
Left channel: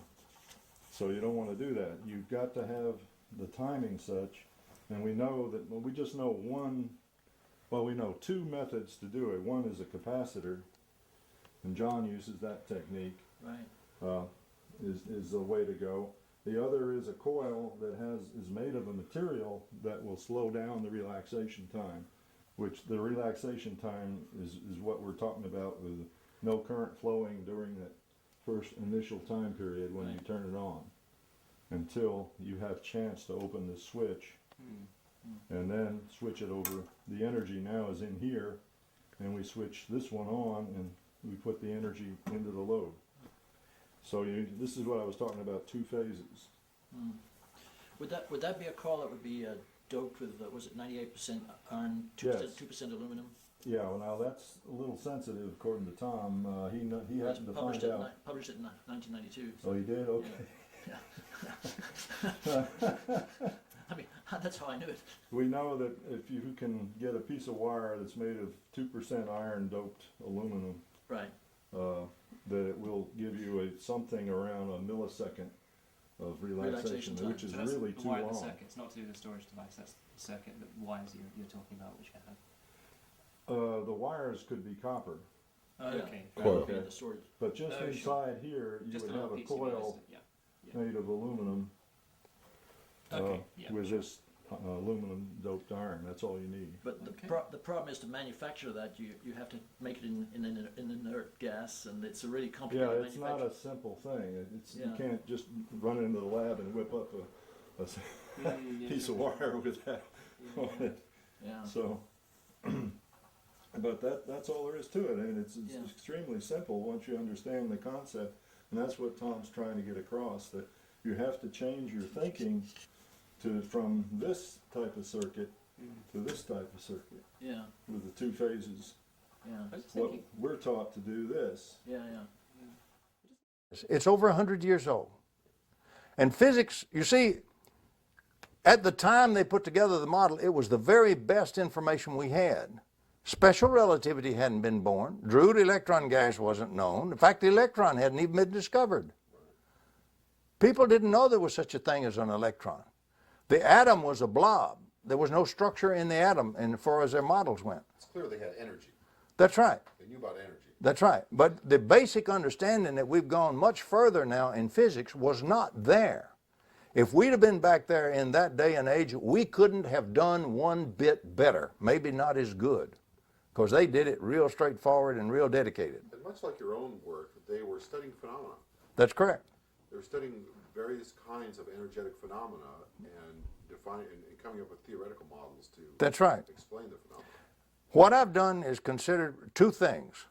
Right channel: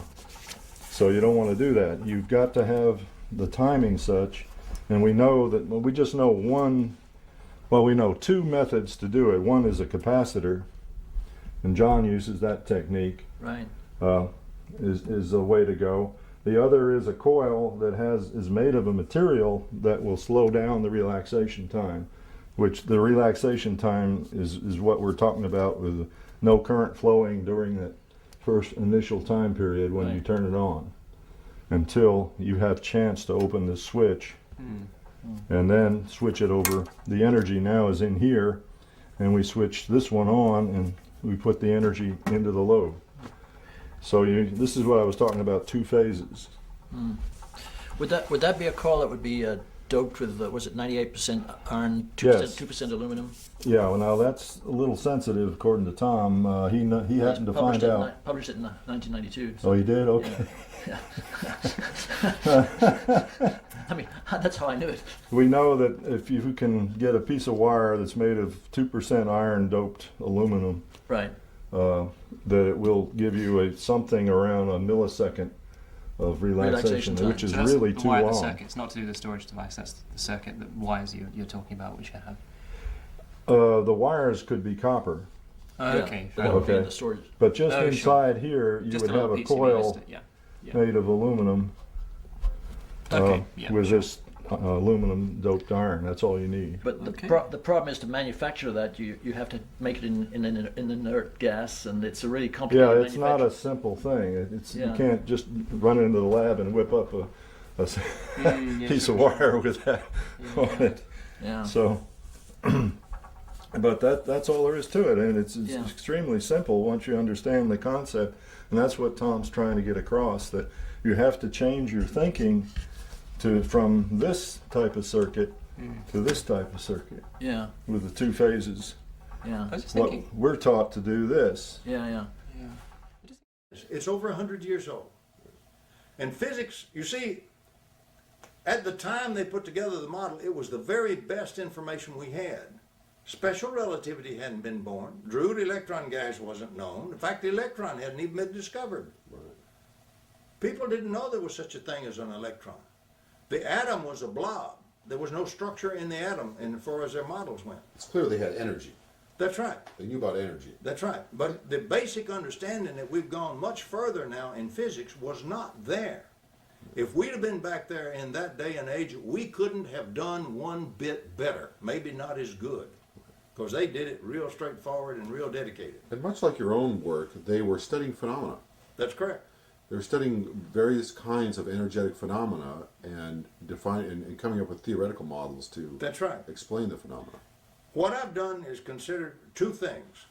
So you don't want to do that. You've got to have the timing such, and we know that, well, we just know we know two methods to do it. One is a capacitor, and John uses that technique. Right. Is a way to go. The other is a coil that is made of a material that will slow down the relaxation time, which the relaxation time is what we're talking about with no current flowing during that first initial time period when you turn it on, until you have chance to open the switch and then switch it over. The energy now is in here, and we switch this one on, and we put the energy into the load. So this is what I was talking about, two phases. Would that be a coil that would be doped with was it 98% iron, 2% Yes. 2% aluminum? Yeah, well now that's a little sensitive according to Tom. He happened to find out. Published it in 1992. Oh, he did? Okay. I mean, that's how I knew it. We know that if you can get a piece of wire that's made of 2% iron doped aluminum, Right. that it will give you something around a millisecond of relaxation, time. which is So that's really the too wire, the long. circuit. It's not to do with the storage device. That's the circuit, the wires you're talking about, which you have. The wires could be copper, Okay. But that would be in Okay. the storage. but just Oh, sure. inside here you Just would a little have a PCB coil listed, yeah. made of aluminum Okay. Yeah. with this aluminum doped iron. That's all you need. But Okay. the problem is to manufacture that you have to make it in inert gas, and it's a really Yeah, complicated it's not a manufacture. simple thing. You Yeah. can't just run into the lab and whip up a Yeah, piece sure, of wire with that on it. Yeah. So, but that's all there is to it, and it's Yeah. extremely simple once you understand the concept, and that's what Tom's trying to get across, that you have to change your thinking from this type of circuit to this type of circuit Yeah. with the two phases. Yeah. I was just What thinking. we're taught to do this. Yeah. Yeah. It's over 100 years old. And physics, you see, at the time they put together the model, it was the very best information we had. Special relativity hadn't been born. Drude electron gas wasn't known. In fact, the electron hadn't even been discovered. People didn't know there was such a thing as an electron. The atom was a blob. There was no structure in the atom as far as their models went. It's clear they had energy. That's right. They knew about energy. That's right. But the basic understanding that we've gone much further now in physics was not there. If we'd have been back there in that day and age, we couldn't have done one bit better, maybe not as good, because they did it real straightforward and real dedicated. And much like your own work, they were studying phenomena. That's correct. They were studying various kinds of energetic phenomena and and coming up with theoretical models to That's right. explain the phenomena. What I've done is consider two things.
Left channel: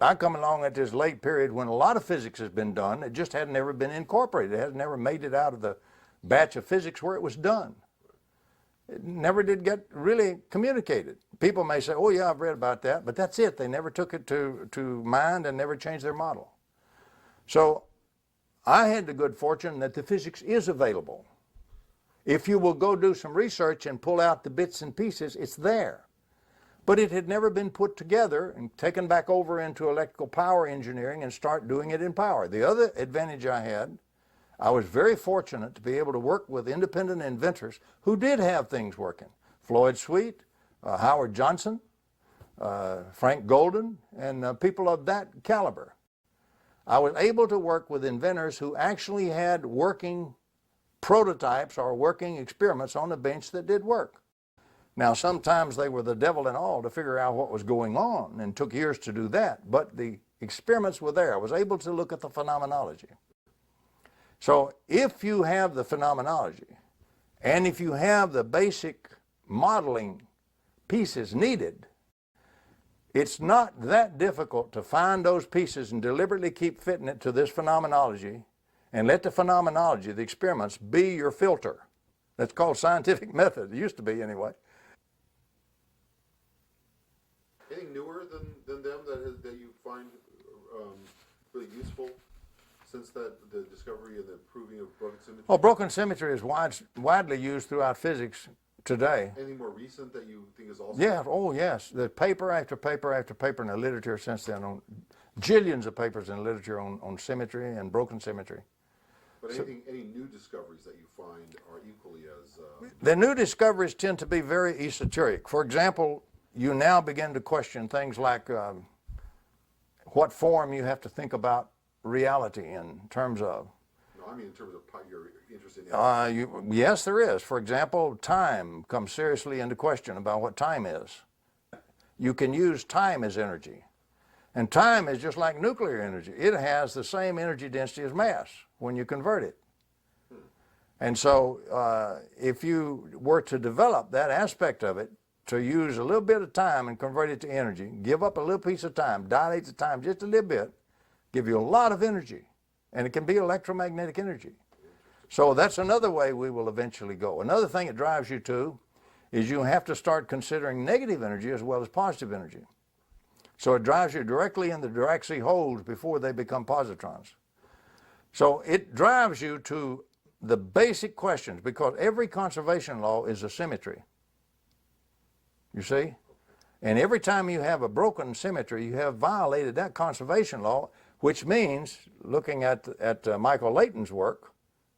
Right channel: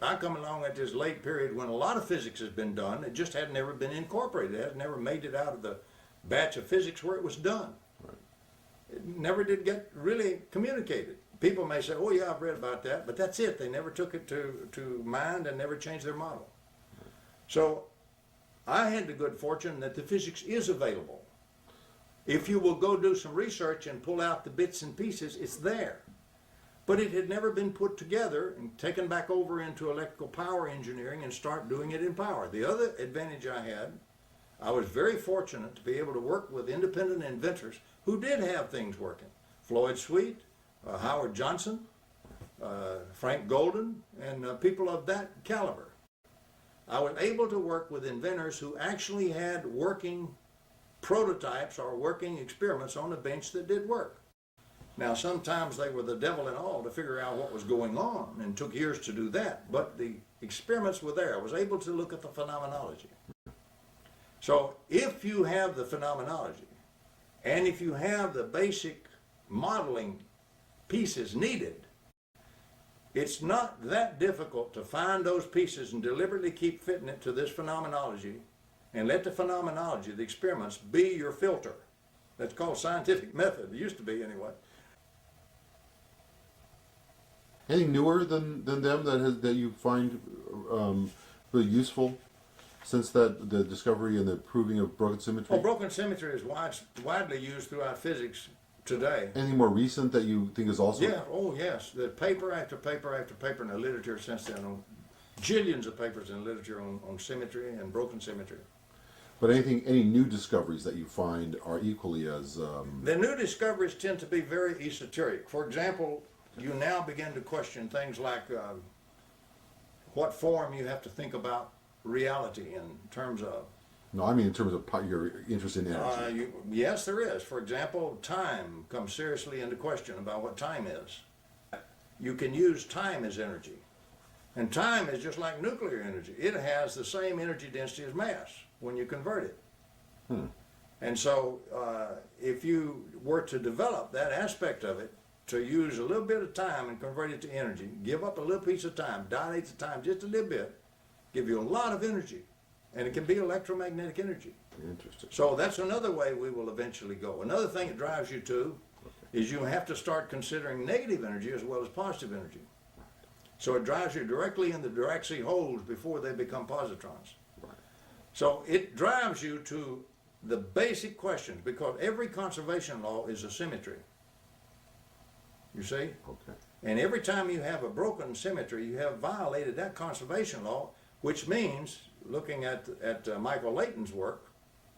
I come along at this late period when a lot of physics has been done. It just hadn't ever been incorporated. It has never made it out of the batch of physics where it was done. It never did get really communicated. People may say, oh yeah, I've read about that, but that's it. They never took it to mind and never changed their model. So I had the good fortune that the physics is available. If you will go do some research and pull out the bits and pieces, it's there. But it had never been put together and taken back over into electrical power engineering and start doing it in power. The other advantage I had, I was very fortunate to be able to work with independent inventors who did have things working. Floyd Sweet, Howard Johnson, Frank Golden, and people of that caliber. I was able to work with inventors who actually had working prototypes or working experiments on the bench that did work. Now, sometimes they were the devil and all to figure out what was going on, and took years to do that, but the experiments were there. I was able to look at the phenomenology. So if you have the phenomenology, and if you have the basic modeling pieces needed, it's not that difficult to find those pieces and deliberately keep fitting it to this phenomenology, and let the phenomenology, the experiments, be your filter. That's called scientific method. It used to be anyway. Anything newer than them that you find really useful since the discovery and the proving of broken symmetry? Well, broken symmetry is widely used throughout physics today. Anything more recent that you think is also? Yeah, oh yes. The paper after paper after paper in the literature since then, on jillions of papers in the literature on symmetry and broken symmetry. But any new discoveries that you find are equally as... The new discoveries tend to be very esoteric. For example, you now begin to question things like what form you have to think about reality in terms of. No, I mean in terms of your interest in energy. Yes, there is. For example, time comes seriously into question about what time is. You can use time as energy. And time is just like nuclear energy. It has the same energy density as mass when you convert it. And so if you were to develop that aspect of it to use a little bit of time and convert it to energy, give up a little piece of time, dilate the time just a little bit, give you a lot of energy. And it can be electromagnetic energy. Interesting. So that's another way we will eventually go. Another thing it drives you to is you have to start considering negative energy as well as positive energy. So it drives you directly in the Dirac holes before they become positrons. So it drives you to the basic questions, because every conservation law is a symmetry. You see? Okay. And every time you have a broken symmetry, you have violated that conservation law, which means, looking at Michael Layton's work,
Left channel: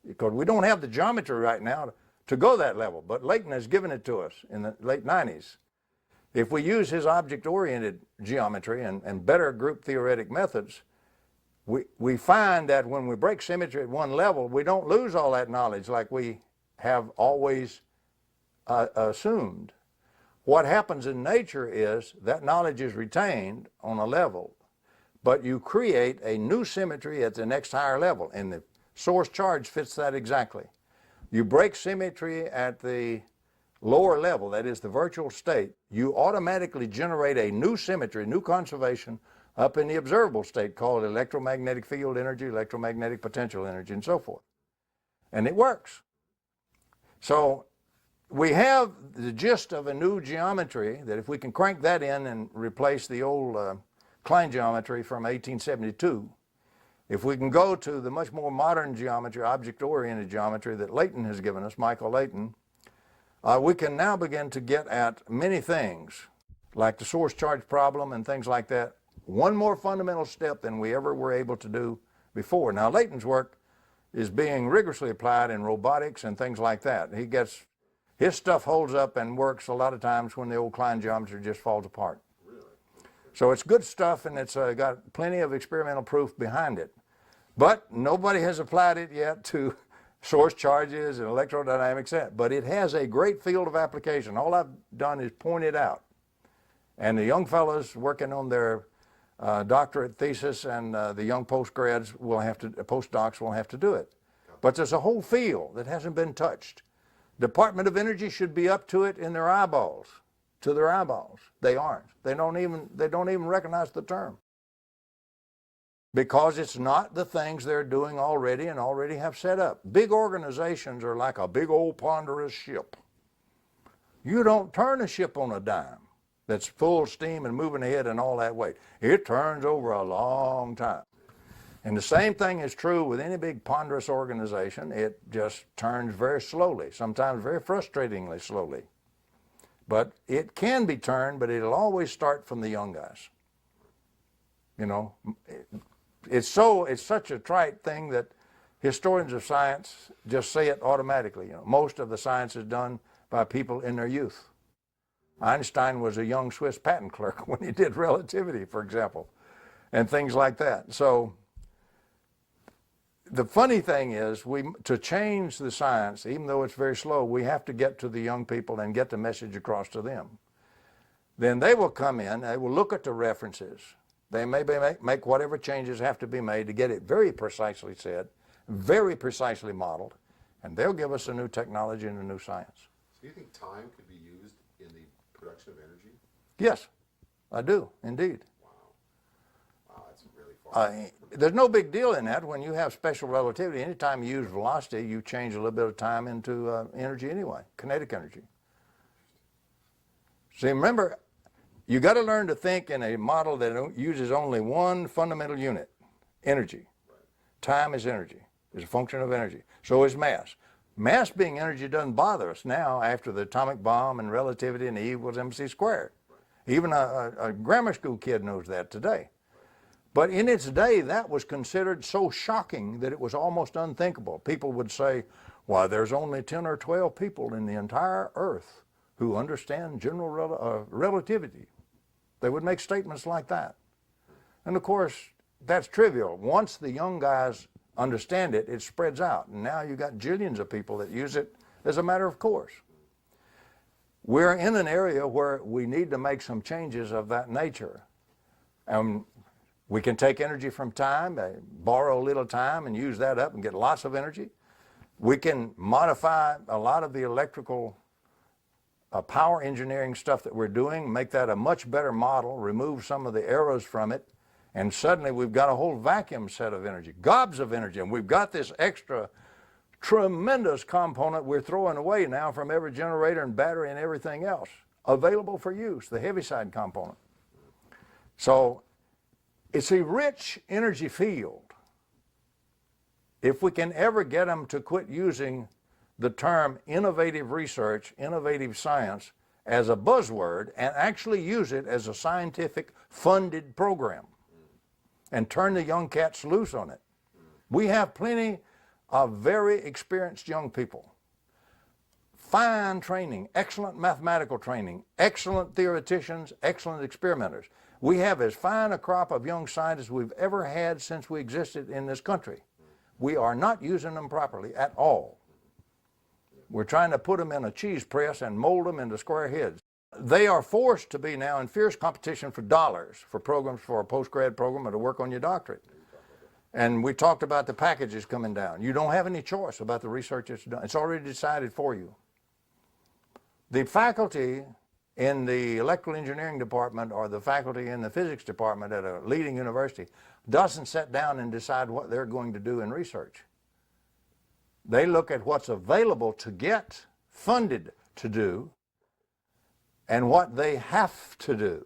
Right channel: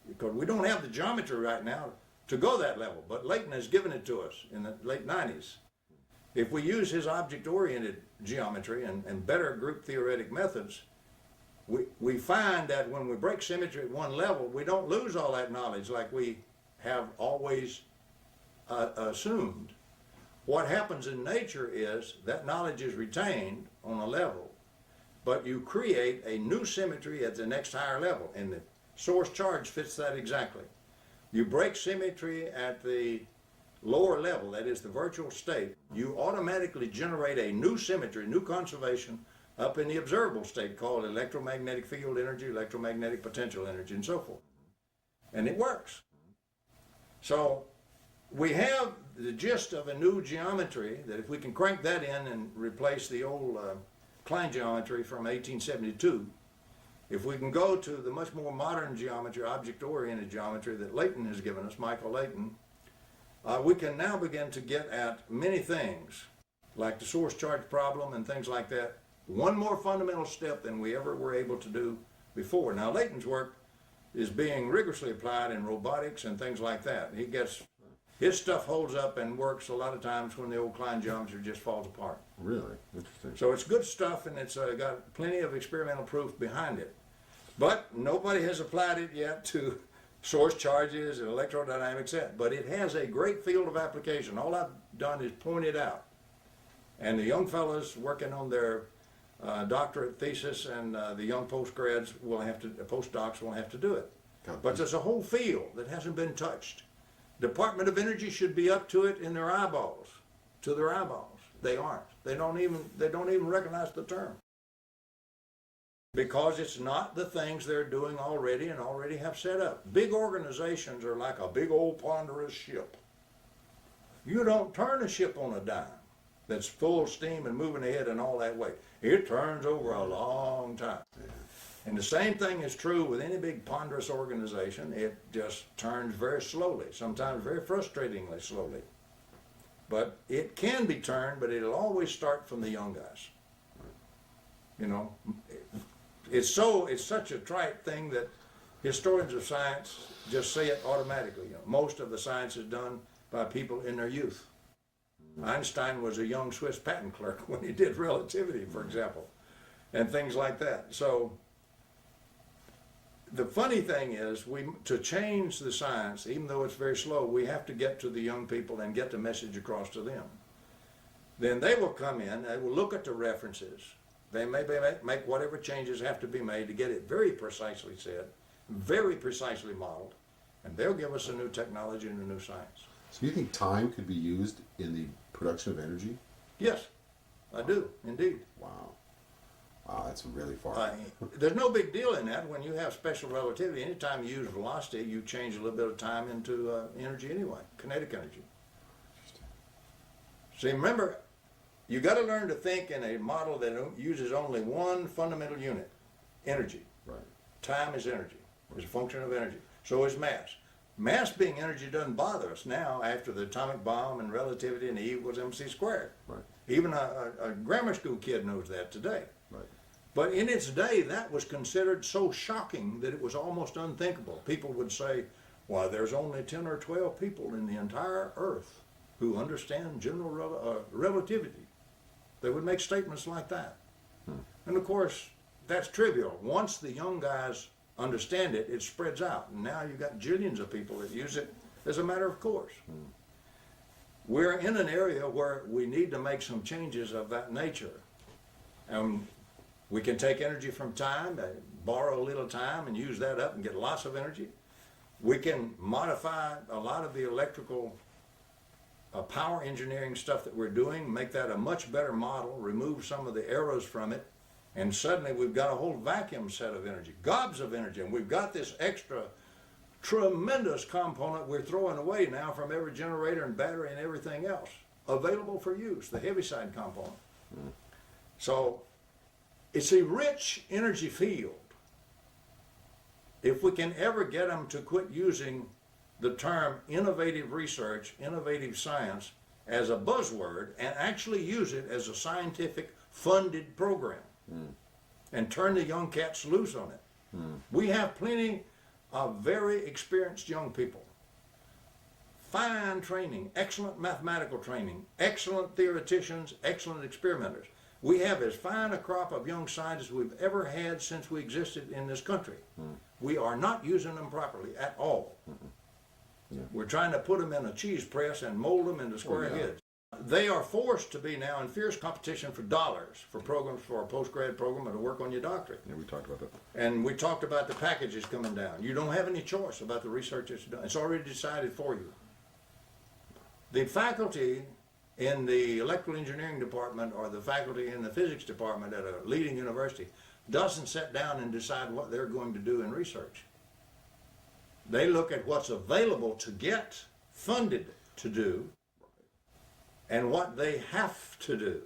because we don't have the geometry right now to go that level, but Layton has given it to us in the late 90s. If we use his object-oriented geometry and better group theoretic methods, we find that when we break symmetry at one level, we don't lose all that knowledge like we have always assumed. What happens in nature is that knowledge is retained on a level, but you create a new symmetry at the next higher level, and the source charge fits that exactly. You break symmetry at the lower level, that is the virtual state, you automatically generate a new symmetry, new conservation up in the observable state called electromagnetic field energy, electromagnetic potential energy, and so forth. And it works. So we have the gist of a new geometry that if we can crank that in and replace the old Klein geometry from 1872, if we can go to the much more modern geometry, object-oriented geometry that Layton has given us, Michael Layton, we can now begin to get at many things, like the source charge problem and things like that, one more fundamental step than we ever were able to do before. Now, Layton's work is being rigorously applied in robotics and things like that. His stuff holds up and works a lot of times when the old Klein geometry just falls apart. Really? Interesting. So it's good stuff, and it's got plenty of experimental proof behind it. But nobody has applied it yet to source charges and electrodynamics yet. But it has a great field of application. All I've done is point it out. And the young fellows working on their doctorate thesis and the young postdocs will have to do it. But there's a whole field that hasn't been touched. Department of Energy should be up to it in their eyeballs, to their eyeballs. They aren't. They don't even recognize the term. Because it's not the things they're doing already and already have set up. Big organizations are like a big old ponderous ship. You don't turn a ship on a dime that's full steam and moving ahead and all that way. It turns over a long time. And the same thing is true with any big ponderous organization. It just turns very slowly, sometimes very frustratingly slowly. But it can be turned, but it'll always start from the young guys. You know, it's such a trite thing that historians of science just say it automatically. You know, most of the science is done by people in their youth. Einstein was a young Swiss patent clerk when he did relativity, for example, and things like that. So the funny thing is, to change the science, even though it's very slow, we have to get to the young people and get the message across to them. Then they will come in, they will look at the references. They may make whatever changes have to be made to get it very precisely said, very precisely modeled, and they'll give us a new technology and a new science. So you think time could be used in the production of energy? Yes, I do, indeed. Wow. Wow, that's really far. There's no big deal in that. When you have special relativity, anytime you use velocity, you change a little bit of time into energy anyway, kinetic energy. See, remember, you got to learn to think in a model that uses only one fundamental unit, energy. Right. Time is energy. It's a function of energy. So is mass. Mass being energy doesn't bother us now after the atomic bomb and relativity and E equals mc squared. Right. Even a grammar school kid knows that today. Right. But in its day, that was considered so shocking that it was almost unthinkable. People would say, why, there's only 10 or 12 people in the entire Earth who understand general relativity. They would make statements like that. And of course, that's trivial. Once the young guys understand it, it spreads out. And now you've got jillions of people that use it as a matter of course. We're in an area where we need to make some changes of that nature. We can take energy from time, borrow a little time and use that up and get lots of energy. We can modify a lot of the electrical power engineering stuff that we're doing, make that a much better model, remove some of the errors from it, and suddenly we've got a whole vacuum set of energy, gobs of energy, and we've got this extra tremendous component we're throwing away now from every generator and battery and everything else available for use, the heaviside component. So it's a rich energy field. If we can ever get them to quit using the term innovative research, innovative science as a buzzword and actually use it as a scientific funded program and turn the young cats loose on it. We have plenty of very experienced young people. Fine training, excellent mathematical training, excellent theoreticians, excellent experimenters. We have as fine a crop of young scientists we've ever had since we existed in this country. We are not using them properly at all. We're trying to put them in a cheese press and mold them into square heads. They are forced to be now in fierce competition for dollars for programs, for a post-grad program or to work on your doctorate. Yeah, we talked about that. And we talked about the packages coming down. You don't have any choice about the research that's done. It's already decided for you. The faculty in the electrical engineering department or the faculty in the physics department at a leading university doesn't sit down and decide what they're going to do in research. They look at what's available to get funded to do and what they have to do.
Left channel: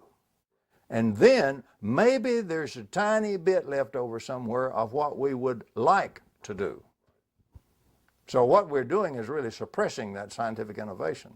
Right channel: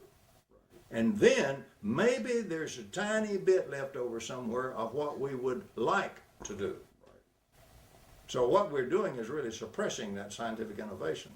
And then maybe there's a tiny bit left over somewhere of what we would like to do. So what we're doing is really suppressing that scientific innovation.